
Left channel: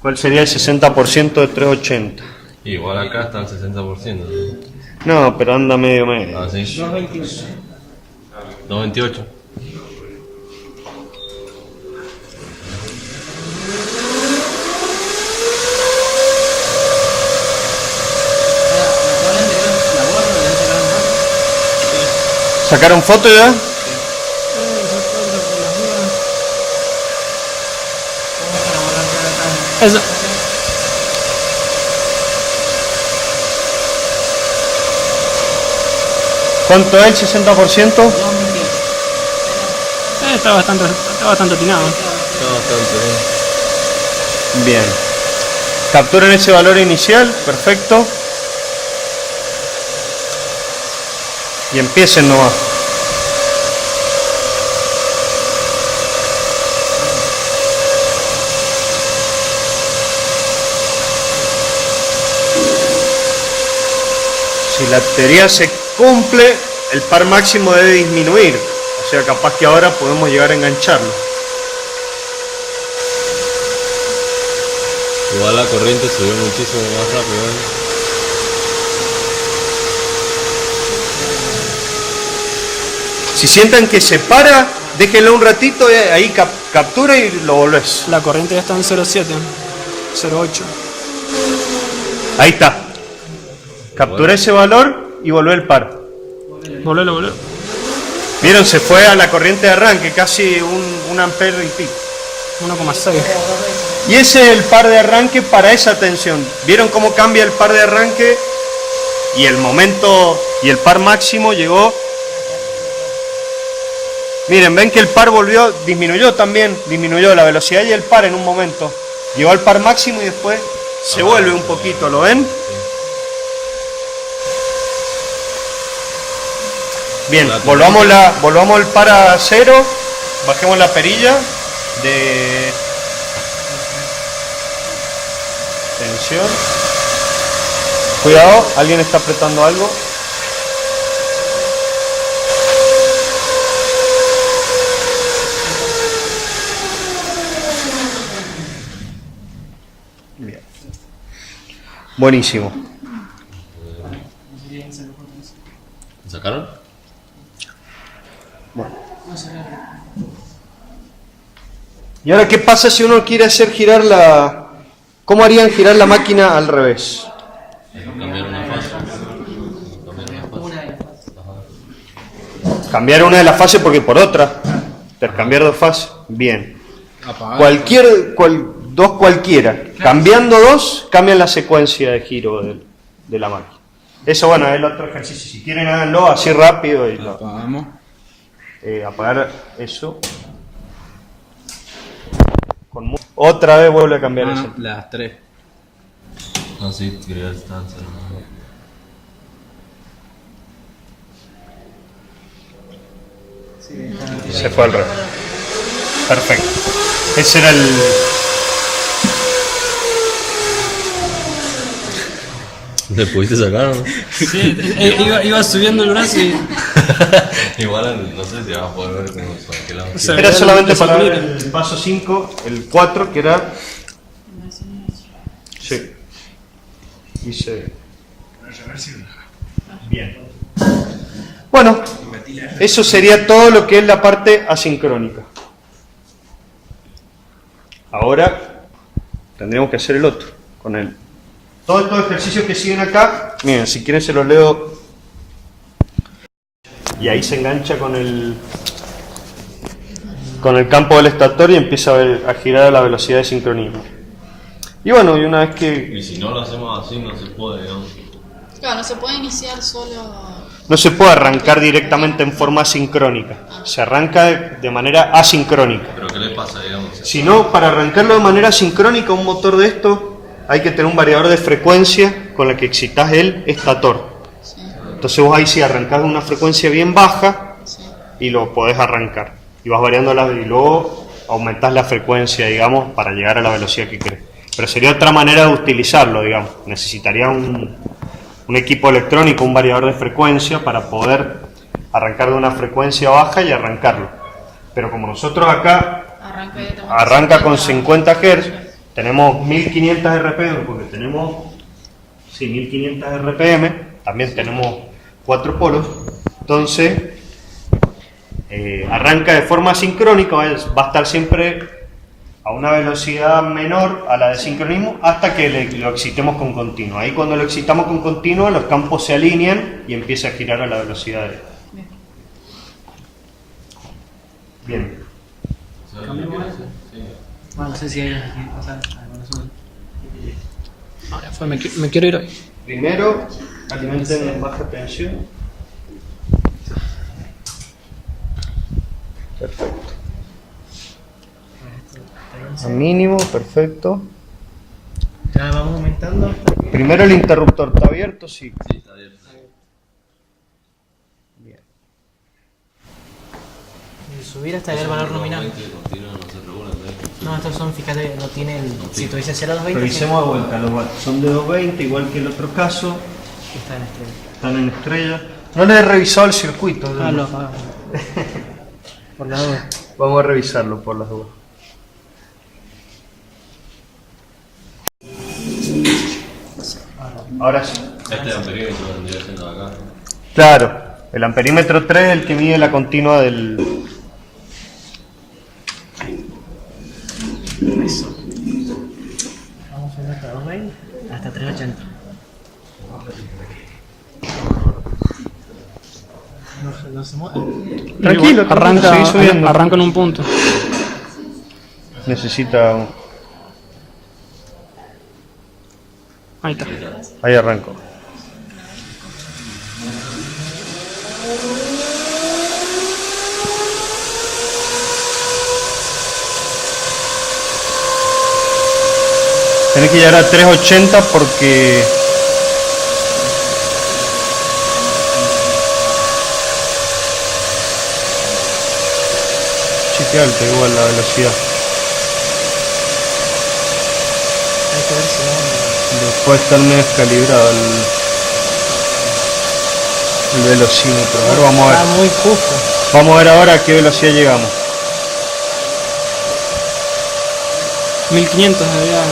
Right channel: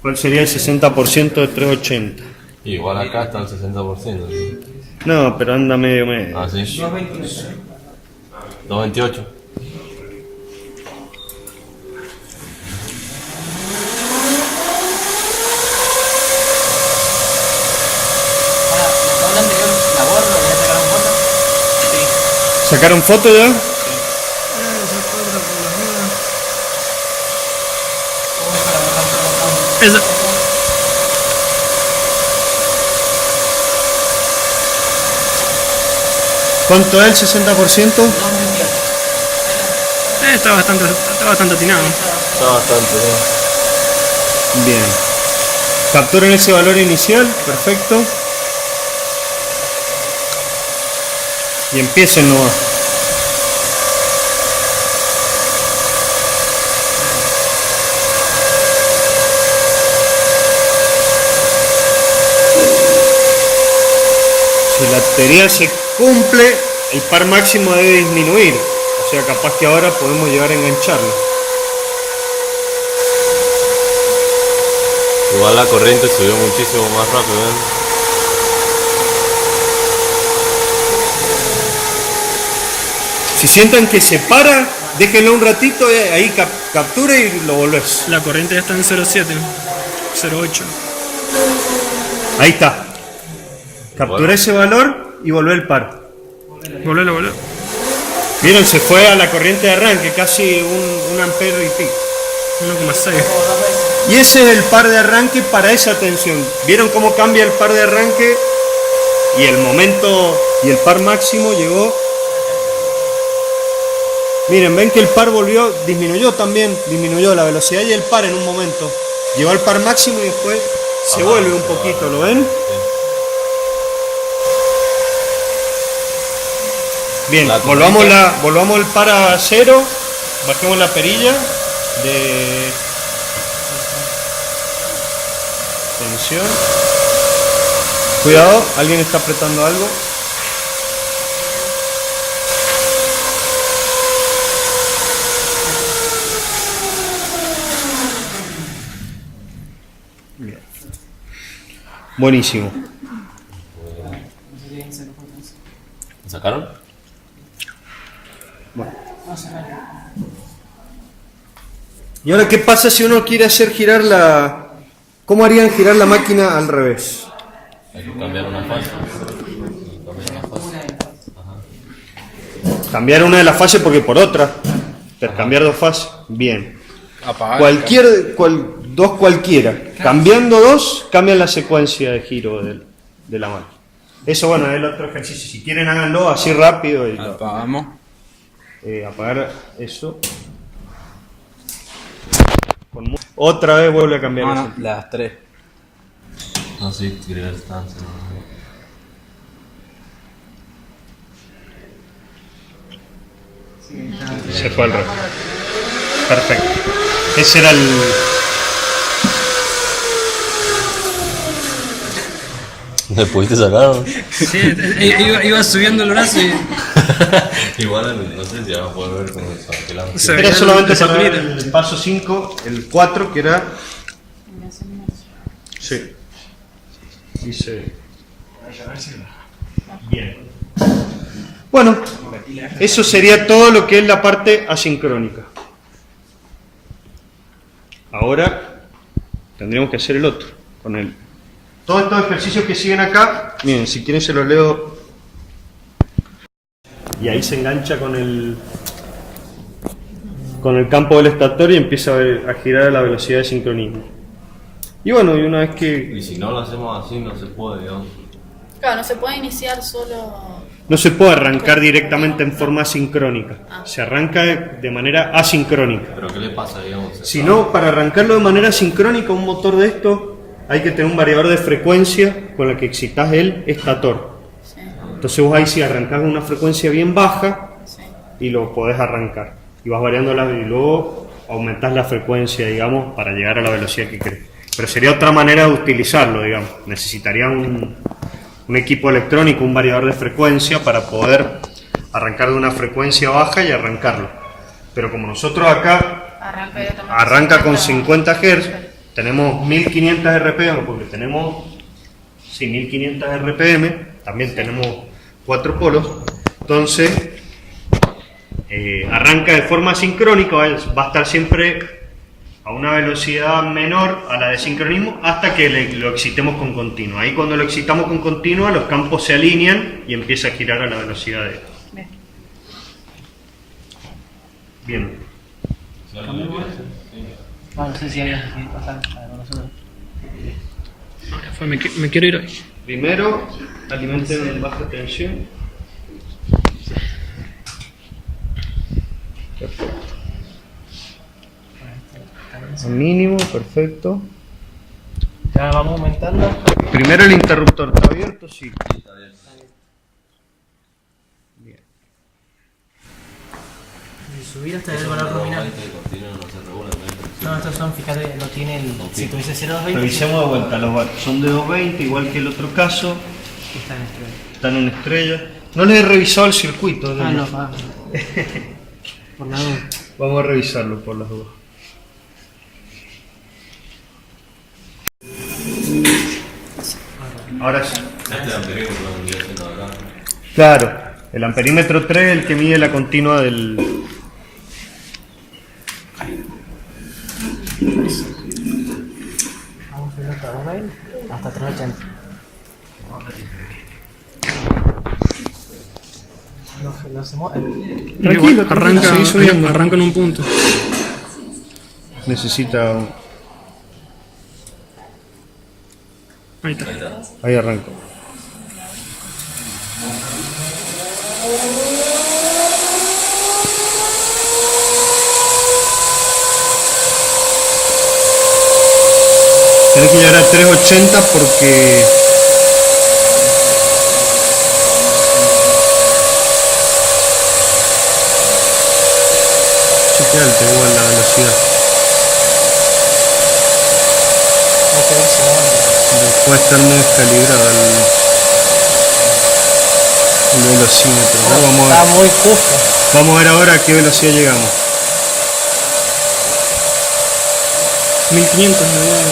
¿Cuál sería el 60% de 380? Igual acá está el 60%. ¿sí? No, pero anda medio. Ah, sí. 228. Ahora, la tabla anterior la borro, le voy a sacar un foto. ¿Sacaron foto ya? Vamos para borrar toda la tabla. Esa. ¿Cuánto es el 60%? Está bastante atinado. Está bastante bien. Bien. Capturen ese valor inicial, perfecto. Y empiecen nomás. Si la teoría se cumple, el par máximo debe disminuir. O sea, capaz que ahora podemos llegar a engancharlo. Igual la corriente subió muchísimo más rápido, ¿eh? Si sientan que se para, déjenlo un ratito, ahí captura y lo volvés. La corriente ya está en 0,7, 0,8. Ahí está. Captura ese valor y volvé el par. Volvelo. Vieron, se fue a la corriente de arranque, casi un ampere y pico. 1,6. Y ese es el par de arranque para esa tensión. ¿Vieron cómo cambia el par de arranque? Y el momento, y el par máximo llegó. Miren, ven que el par disminuyó la velocidad y el par en un momento. Llegó al par máximo y después se vuelve un poquito, ¿lo ven? Bien, La volvamos al par a cero, bajemos la perilla de tensión. Cuidado, alguien está apretando algo. Bien. Buenísimo. ¿Lo sacaron? ¿Y ahora qué pasa si uno quiere hacer girar la... ¿Cómo harían girar la máquina al revés? Hay que cambiar una fase. Cambiar una de las fases porque por otra. Intercambiar de fase. Bien. Apagar. Dos cualquiera. Cambiando dos, cambian la secuencia de giro de la máquina. Eso, bueno, es el otro ejercicio. Si quieren, háganlo así rápido. Y Lo apagamos. apagar eso. Otra vez vuelve a cambiar No, así. no, las 3. No, sí, crear estancia. Se fue al revés. Perfecto. Ese era el... ¿Le pudiste sacar? Sí, iba subiendo el brazo y Igual no sé si vas a poder ver cómo para qué lado. Se Era veía solamente el para ver circuito. el paso 5, el 4, que era... Sí. Hice... Bien. Bueno, eso sería todo lo que es la parte asincrónica. Ahora tendríamos que hacer el otro con él. Todos estos ejercicios que siguen acá, miren, si quieren se los leo. Y ahí se engancha con el campo del estator y empieza a girar a la velocidad de sincronismo. Y bueno, y una vez que... Y si no lo hacemos así, no se puede, digamos. Claro, no se puede iniciar solo. No se puede arrancar directamente en forma sincrónica. Se arranca de manera asincrónica. Pero ¿qué le pasa, digamos? Si no, para arrancarlo de manera sincrónica, un motor de esto, hay que tener un variador de frecuencia con el que excitas el estator. Sí, Entonces vos ahí sí arrancás una frecuencia bien baja sí. y lo podés arrancar. Y vas variando y luego aumentás la frecuencia, digamos, para llegar a la velocidad que querés. Pero sería otra manera de utilizarlo, digamos. Necesitaría un equipo electrónico, un variador de frecuencia para poder arrancar de una frecuencia baja y arrancarlo. Pero como nosotros acá arranca con 50 Hz, tenemos 1500 RPM, porque tenemos 1500 RPM, también tenemos 4 polos, entonces arranca de forma sincrónica, va a estar siempre a una velocidad menor a la de sincronismo hasta que lo excitemos con continuo. Ahí cuando lo excitamos con continuo los campos se alinean y empieza a girar a la velocidad de... Bien. No sé si hay que pasar a nosotros. Ahora fue, me quiero ir hoy. Primero, alimenten en baja tensión. Perfecto. Al mínimo, perfecto. Ya vamos aumentando. Primero el interruptor, ¿está abierto? Sí. Sí, está bien. Bien. Y subir hasta el valor nominal. No, estos son, fíjate, no tiene el... Si tuviese 0,220... Revisemos de vuelta, son de 220, igual que el otro caso. Está en estrella. Están en estrella. No les he revisado el circuito. Ah, no, por la duda. Vamos a revisarlo por las dudas. Ahora sí. Este era pequeño, pero vendría siendo acá. Claro, el amperímetro 3 es el que mide la continua del... Vamos a subir hasta 220 hasta 380. No se mueve. Igual, arranca en un punto. Necesita... Ahí está. Ahí arranco. Tenés que llegar a 380 porque... Chequea igual la velocidad. Puede estar muy descalibrado el velocímetro. A ver, vamos a ver. Está muy justo. Vamos a ver ahora a qué velocidad llegamos. 1500 me da.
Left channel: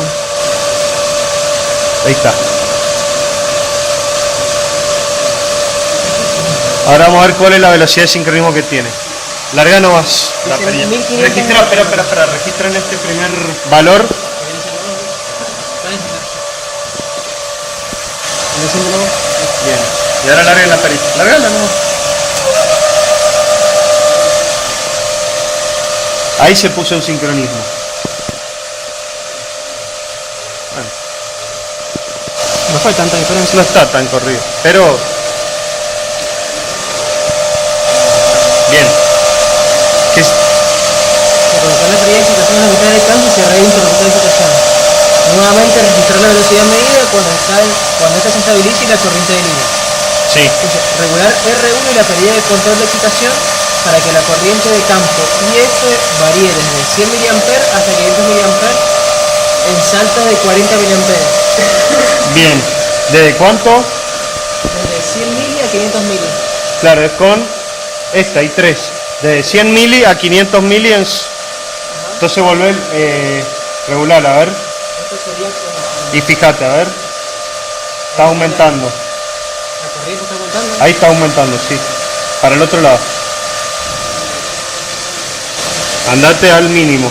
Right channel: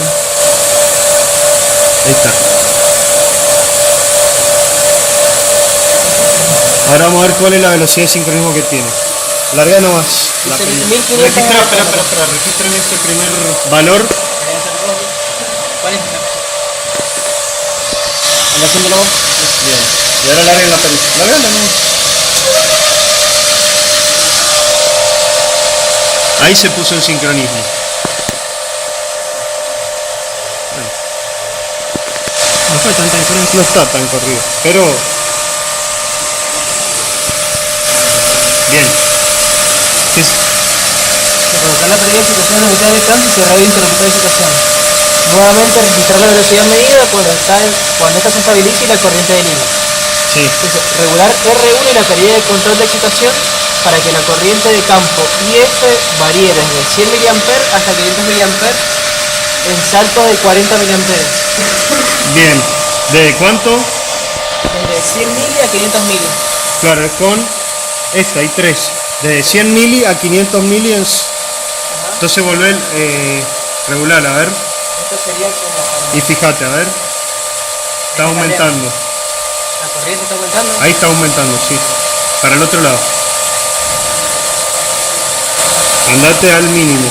Ahí está. Ahora vamos a ver cuál es la velocidad de sincronismo que tiene. Larga nomás. La Dice perilla. 1500. Registra, espera. Registren este primer valor. ¿Cuál es? Bien. Y ahora larguen la perilla. Largala nomás. Ahí se puso el sincronismo. tampoco hay tanta diferencia. No está tan corrido, pero... Bien. Colocar la perilla de excitación a la mitad del canto y cerrar el interruptor de excitación. Nuevamente registrar la velocidad medida cuando esta se estabilice y la corriente del hilo. Sí. Entonces, regular R1 y la perilla de control de excitación para que la corriente de campo IF varíe desde 100 mA hasta 500 mA en saltos de 40 mA. Bien. ¿De cuánto? Desde 100 mili a 500 mili. Claro, es con esta, hay tres. De 100 mili a 500 mili entonces volver regular, a ver. Esto sería como... Y fíjate, a ver. Está aumentando. ¿La corriente está aumentando? Ahí está aumentando, sí. Para el otro lado. Andate al mínimo.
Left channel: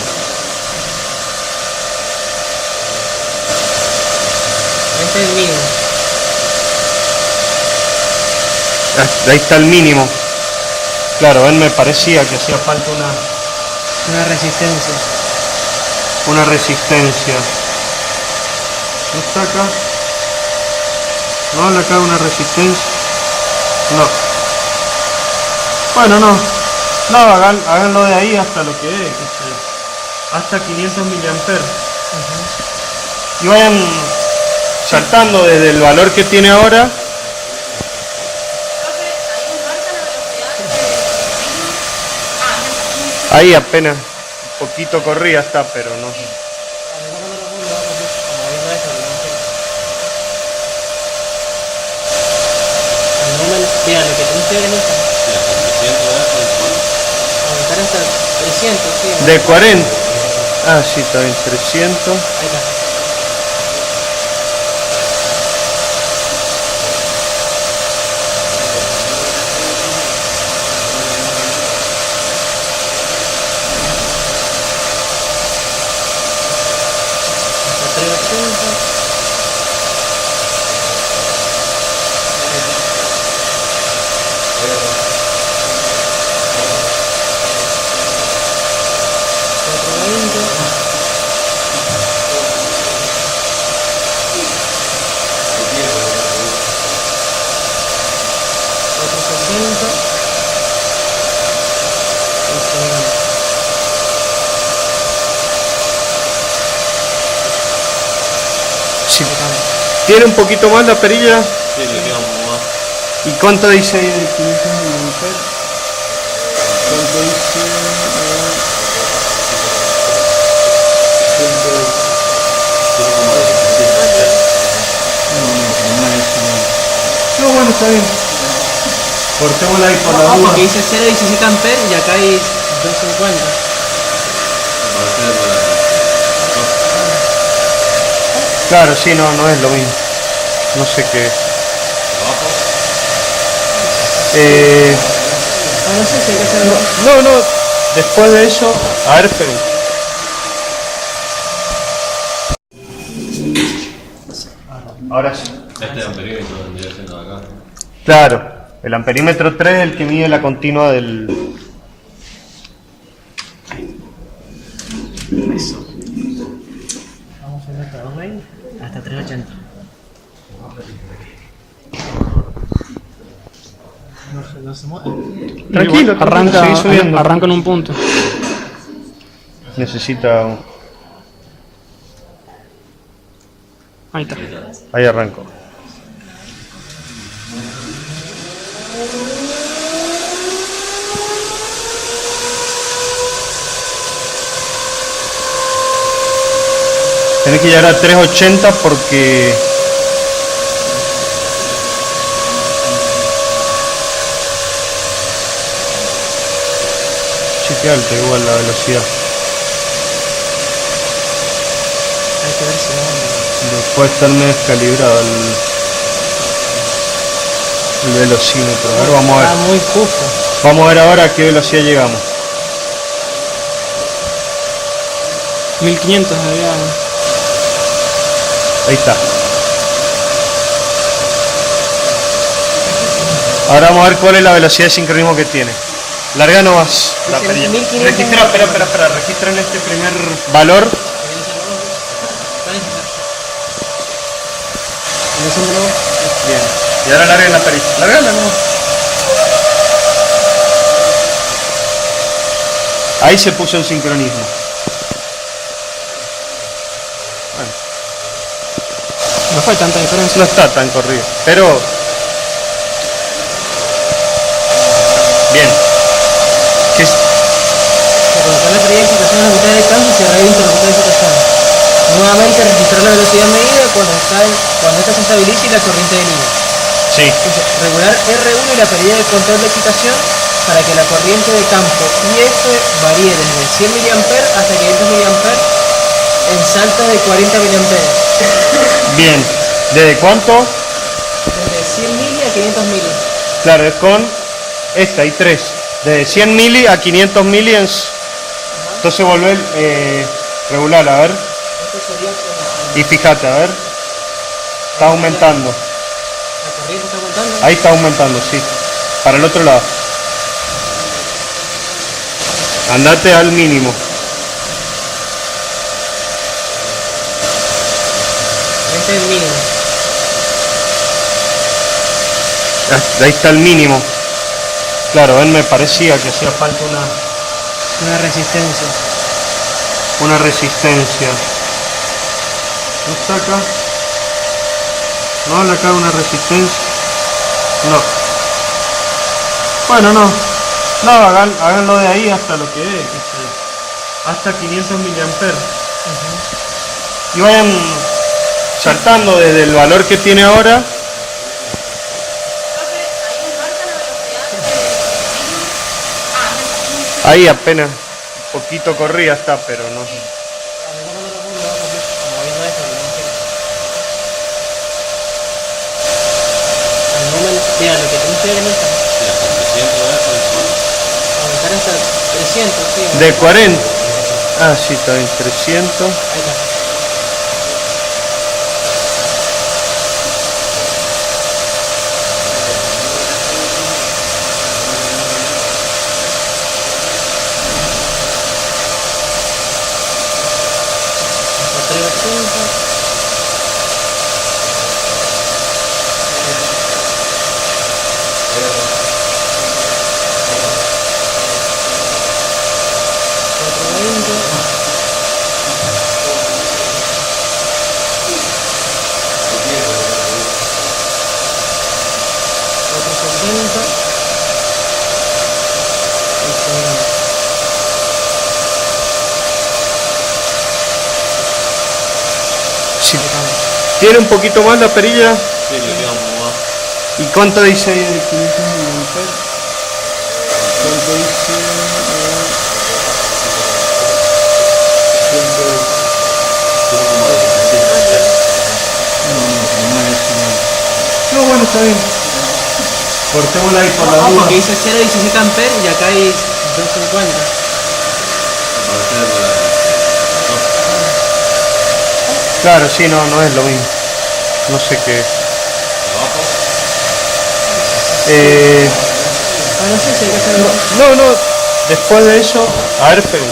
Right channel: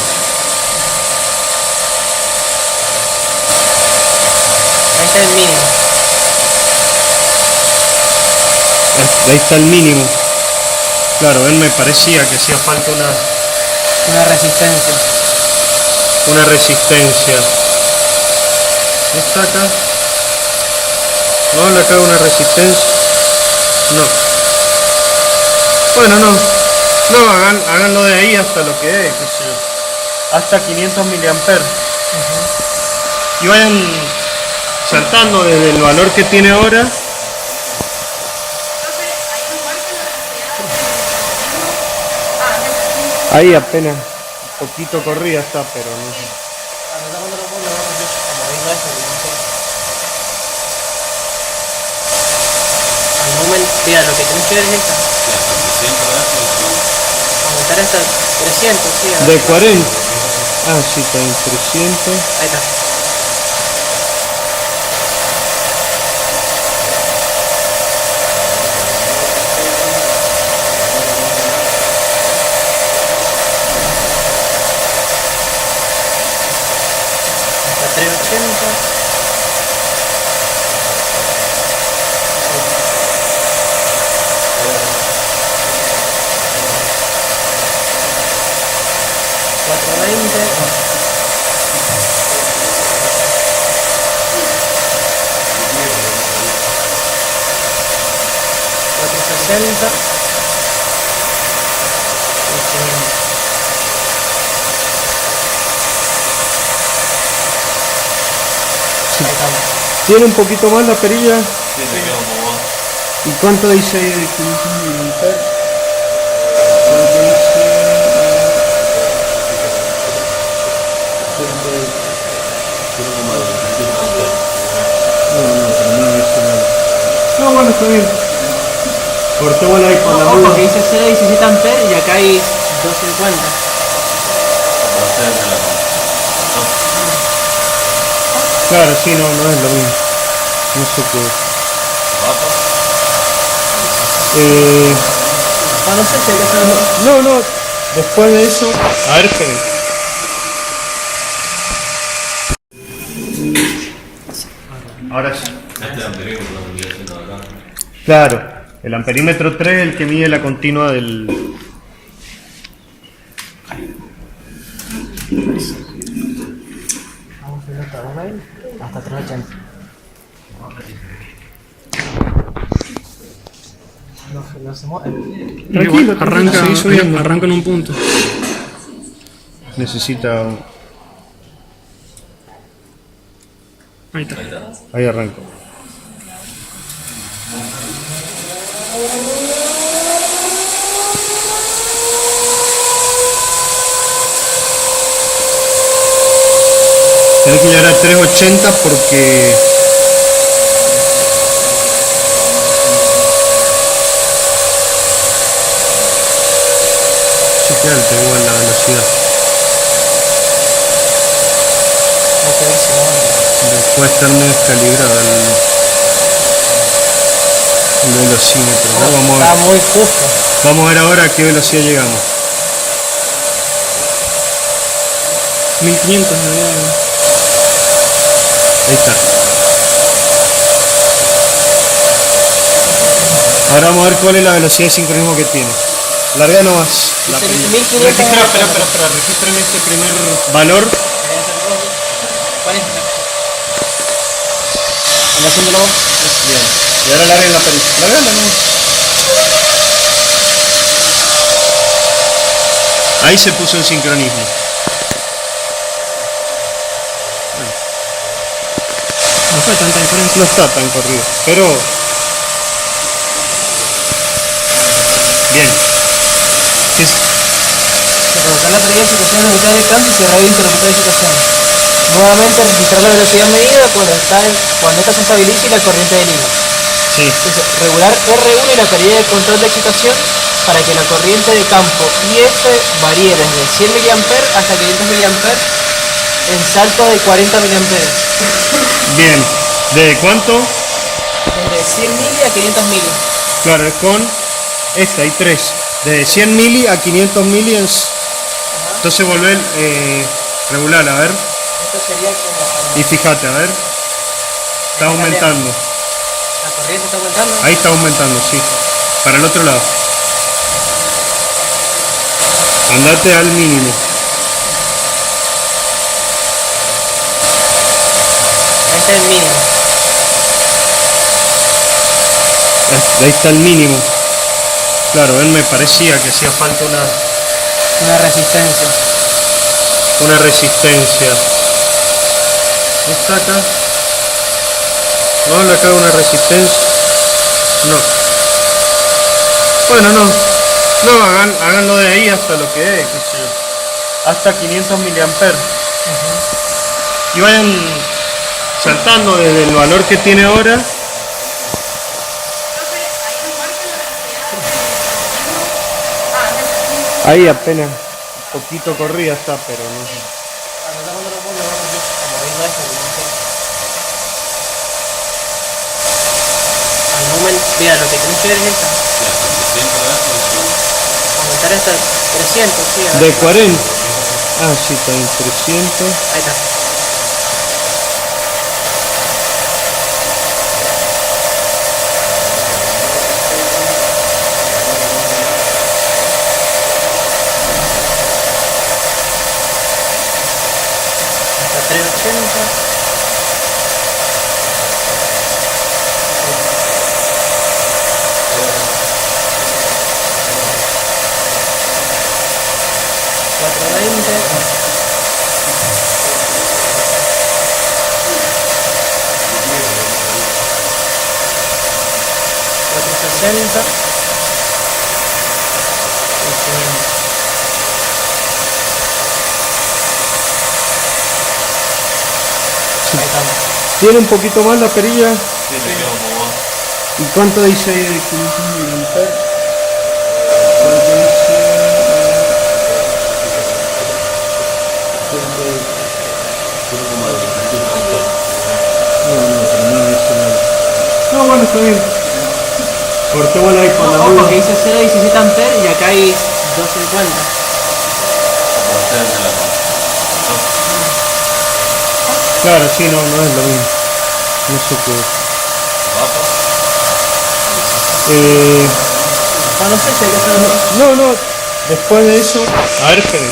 Ahí está el mínimo. Ahí está el mínimo. Claro, a él me parecía que hacía falta Una resistencia. una resistencia. ¿Está acá? ¿No le cae una resistencia? No. Bueno, no. No, háganlo de ahí hasta lo que es, qué sé yo. Hasta 500 miliamperes. Y vayan saltando desde el valor que tiene ahora. Ahí apenas un poquito corría está, pero no sé. Mira, lo que tienes que ver es esta. Aumentar hasta el 300, sí. De 40. Ah, sí, está bien, 300. Ahí está. Hasta 380. Sí. ¿Tiene un poquito más la perilla? Sí, le queda un poco más. ¿Y cuánto dice ahí de 500 miliamperes? ¿Cuánto dice? No, bueno, está bien. Cortémosla ahí por la Ojo, duda. que dice 0,17 amperes y acá hay 250. Claro, sí, no es lo mismo. No sé qué. No sé si hay que hacerlo. No, después de eso, a ver qué. Ahora sí. Este amperímetro lo estoy haciendo acá. Claro, el amperímetro 3 es el que mide la continua del... Vamos a ver hasta 220 hasta 380. No se mueve. Tranquilo, Igual, arranca, seguí subiendo. arranca en un punto. Necesita... Ahí está. Ahí arranco. Tenés que llegar a 380 porque... Cheque alta igual la velocidad. Hay que ver si no. Puede estar muy descalibrado el velocímetro. A ver, vamos a ver. Está muy justo. Vamos a ver ahora a qué velocidad llegamos. 1500 me había... Ahí está. Ahora vamos a ver cuál es la velocidad de sincronismo que tiene. Larga nomás. La Dice perilla. 1500. Registra, espera. Registren este primer valor. ¿Cuál es? En haciéndolo. Bien. Y ahora larguen la perilla. Largando, ¿no? Ahí se puso en sincronismo. No fue tanta diferencia. No está tan corrido, pero... Bien. ¿Qué es? Colocar la perilla de excitación a la mitad del campo y cerrar el interruptor de excitación. Nuevamente registrar la velocidad medida cuando esta se estabilice y la corriente de línea. Sí. Entonces, regular R1 y la perilla de control de excitación para que la corriente de campo IF varíe desde 100 mA hasta 500 mA en saltos de 40 mA. Bien. ¿De cuánto? Desde 100 mili a 500 mili. Claro, es con esta, hay tres. De 100 mili a 500 mili. Entonces volver regular, a ver. Esto sería como... Y fíjate, a ver. Está aumentando. La corriente está aumentando. Ahí está aumentando, sí. Para el otro lado. Andate al mínimo. Ahí está el mínimo. Ahí está el mínimo. Claro, a él me parecía que hacía falta Una resistencia. una resistencia. ¿No está acá? ¿No? Acá una resistencia. No. Bueno, no. No, háganlo de ahí hasta lo que es, qué sé yo. Hasta 500 mA. Y vayan saltando desde el valor que tiene ahora. Ahí apenas un poquito corrida está, pero no sé. Mira, lo que tienes que ver es esta. Aumentar hasta 300, sí. De 40. Ah, sí, está en 300. Ahí está. Hasta 380. Sí. ¿Tiene un poquito más la perilla? Sí, le queda un poco más. ¿Y cuánto dice ahí de 500 mA? ¿Cuánto dice? No, bueno, está bien. Cortémosla ahí por la Ojo, duda. que dice 0,17 amperes y acá hay 250. Para hacer de la... Claro, sí, no es lo mismo. No sé qué es. No sé si hay que hacerlo. No, después de eso, a ver, Fede.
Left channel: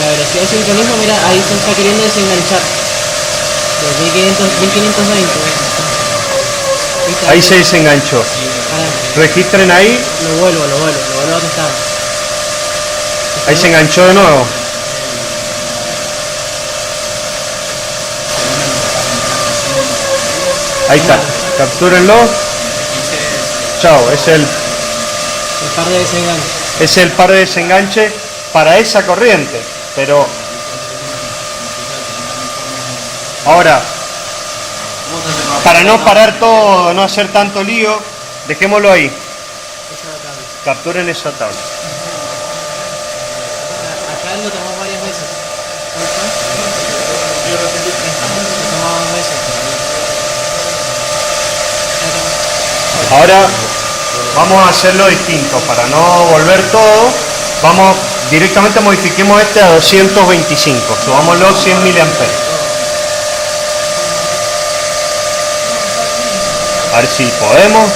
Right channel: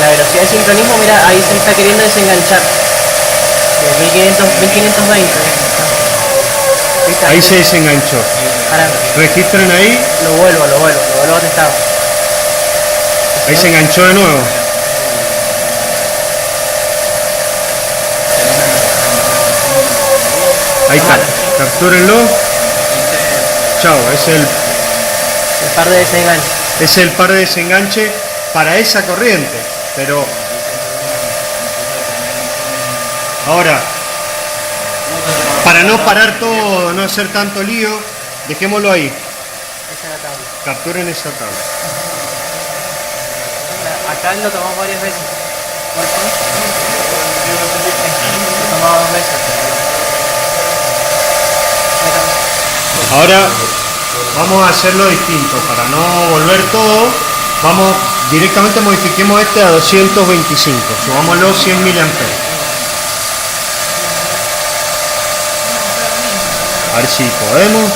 La velocidad de sincronismo, mira, ahí se está queriendo desenganchar. De 1520. ¿Viste? Ahí se desenganchó. Ahora Registren ahí, lo vuelvo a donde estaba. ahí se enganchó de nuevo. Ahí está, captúrenlo. Chao, es El par de desenganche. el par de desenganche para esa corriente. Pero ahora, para no parar todo, no hacer tanto lío, dejémoslo ahí. Capturen esa tabla. Acá lo tomamos varias veces. Lo tomamos 2 veces. Ahora vamos a hacerlo distinto, para no volver todo, vamos directamente modifiquemos este a 225, subámoslo 100 miliamperes. A ver si podemos.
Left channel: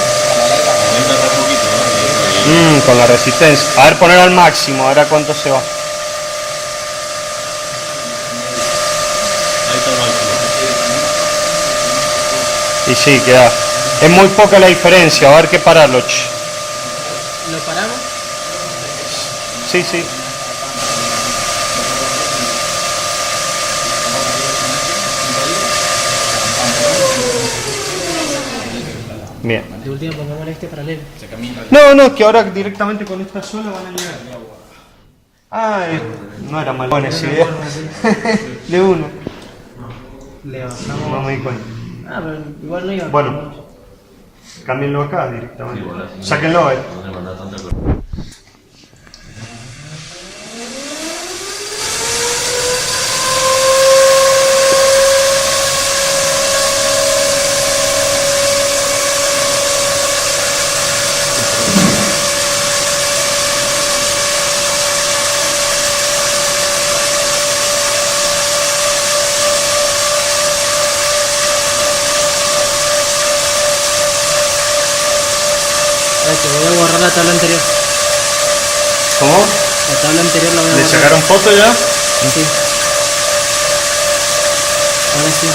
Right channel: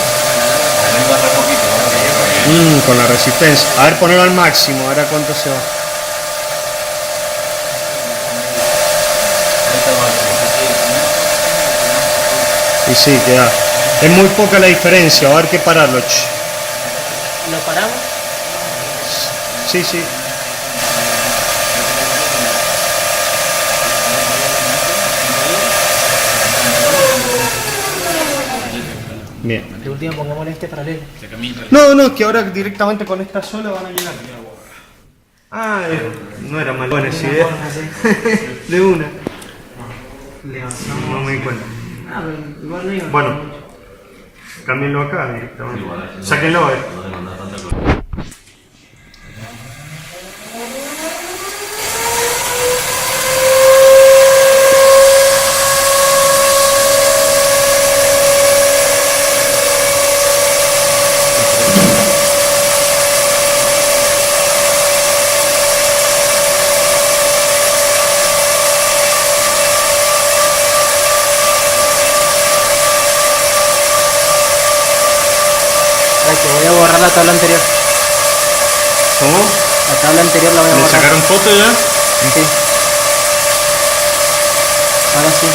Con la resistencia. A ver, poner al máximo, a ver a cuánto se va. Y sí, queda. Es muy poca la diferencia, a ver qué pararlo. ¿Lo paramos? Sí, sí. Bien. De último pongámosle este paralelo. No, no, es que ahora directamente con esta sola van a llegar. Ah, no era mal. Buena esa idea. De una. Levantamos. No me di cuenta. Ah, pero igual no iba. Bueno, cámbienlo acá directamente. Igual así no- Sáquenlo a ver. No le mandas tanta cosa. Ay, que voy a borrar la tabla anterior. ¿Cómo? La tabla anterior la voy a ¿Le borrar. sacaron foto ya? Sí. Ahora sí.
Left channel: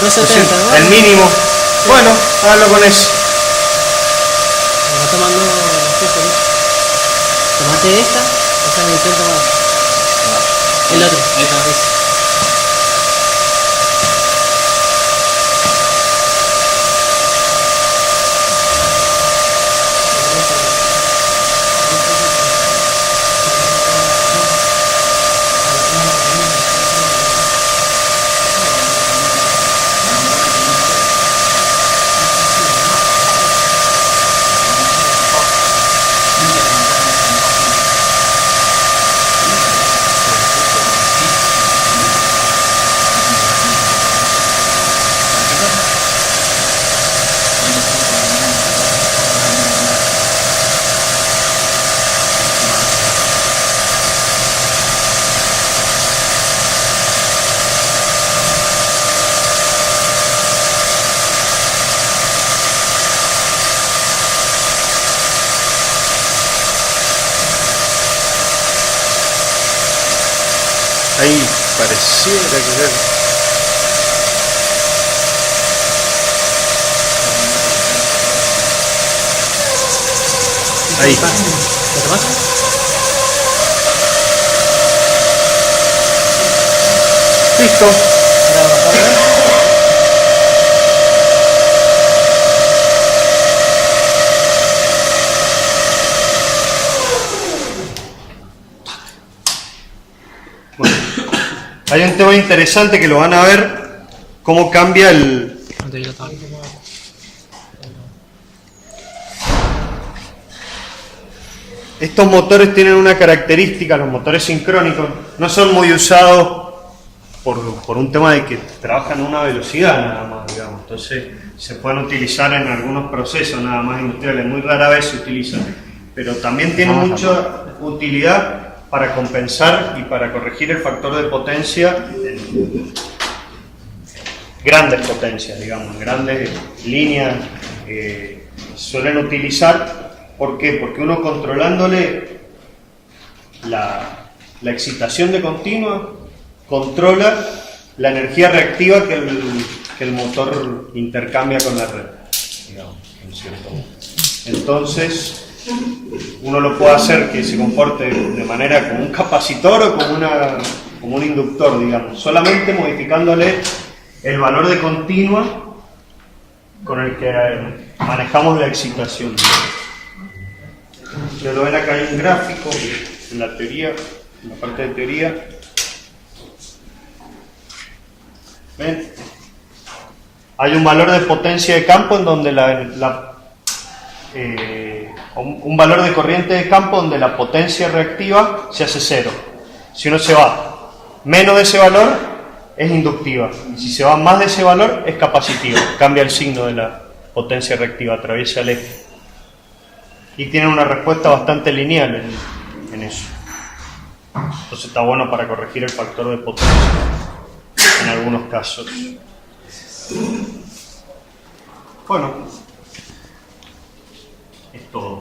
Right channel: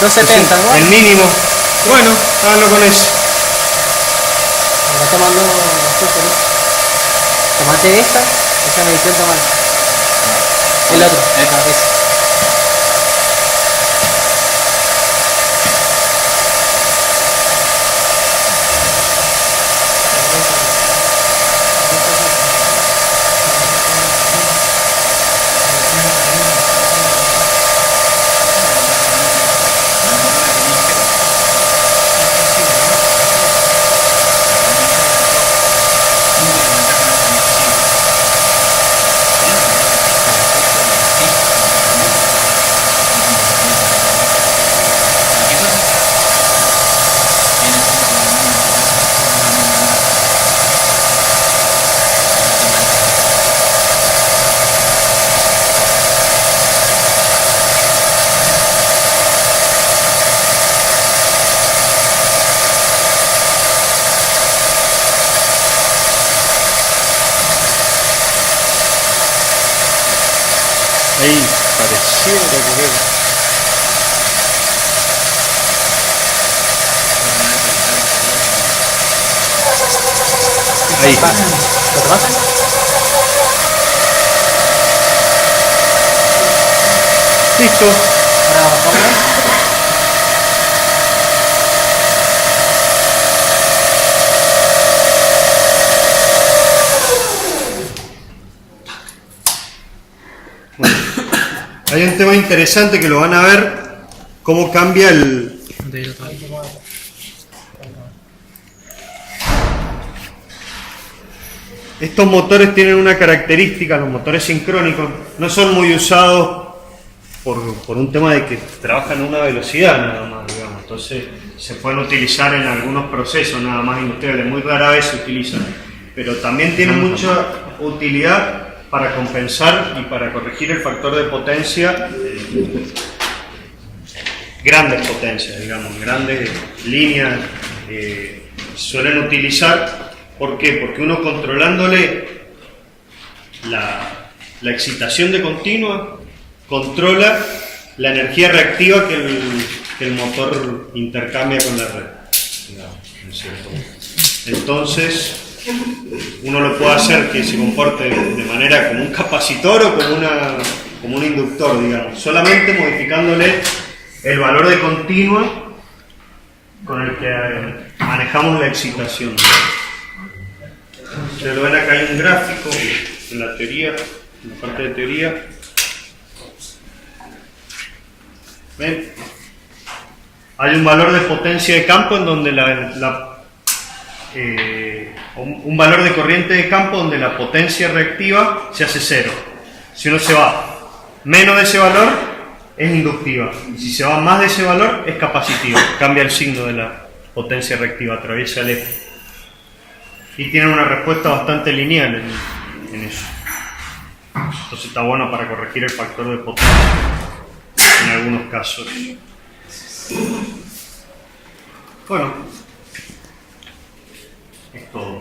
270, ¿no? El mínimo. Bueno, háganlo con eso. Va tomando las cosas, ¿no? Tomate esta medición toma. El otro. Ese. Ahí pareciera que era. Ahí. Listo. Bueno, hay un tema interesante que lo van a ver, cómo cambia el... Estos motores tienen una característica, los motores sincrónicos no son muy usados por un tema de que trabajan a una velocidad nada más, digamos. Entonces se pueden utilizar en algunos procesos nada más industriales, muy rara vez se utilizan, pero también tienen mucha utilidad para compensar y para corregir el factor de potencia, grandes potencias, digamos, grandes líneas suelen utilizar. ¿Por qué? Porque uno controlándole la excitación de continua, controla la energía reactiva que el motor intercambia con la red, digamos, ¿no es cierto? Entonces, uno lo puede hacer que se comporte de manera como un capacitor o como un inductor, digamos, solamente modificándole el valor de continua con el que manejamos la excitación. Ustedes lo ven acá, hay un gráfico en la teoría, en la parte de teoría. ¿Ven? Hay un valor de potencia de campo en donde un valor de corriente de campo donde la potencia reactiva se hace cero. Si uno se va menos de ese valor, es inductiva. Y si se va más de ese valor, es capacitiva. Cambia el signo de la potencia reactiva, atraviesa el eje. Y tienen una respuesta bastante lineal en eso. Entonces está bueno para corregir el factor de potencia en algunos casos. Bueno, es todo.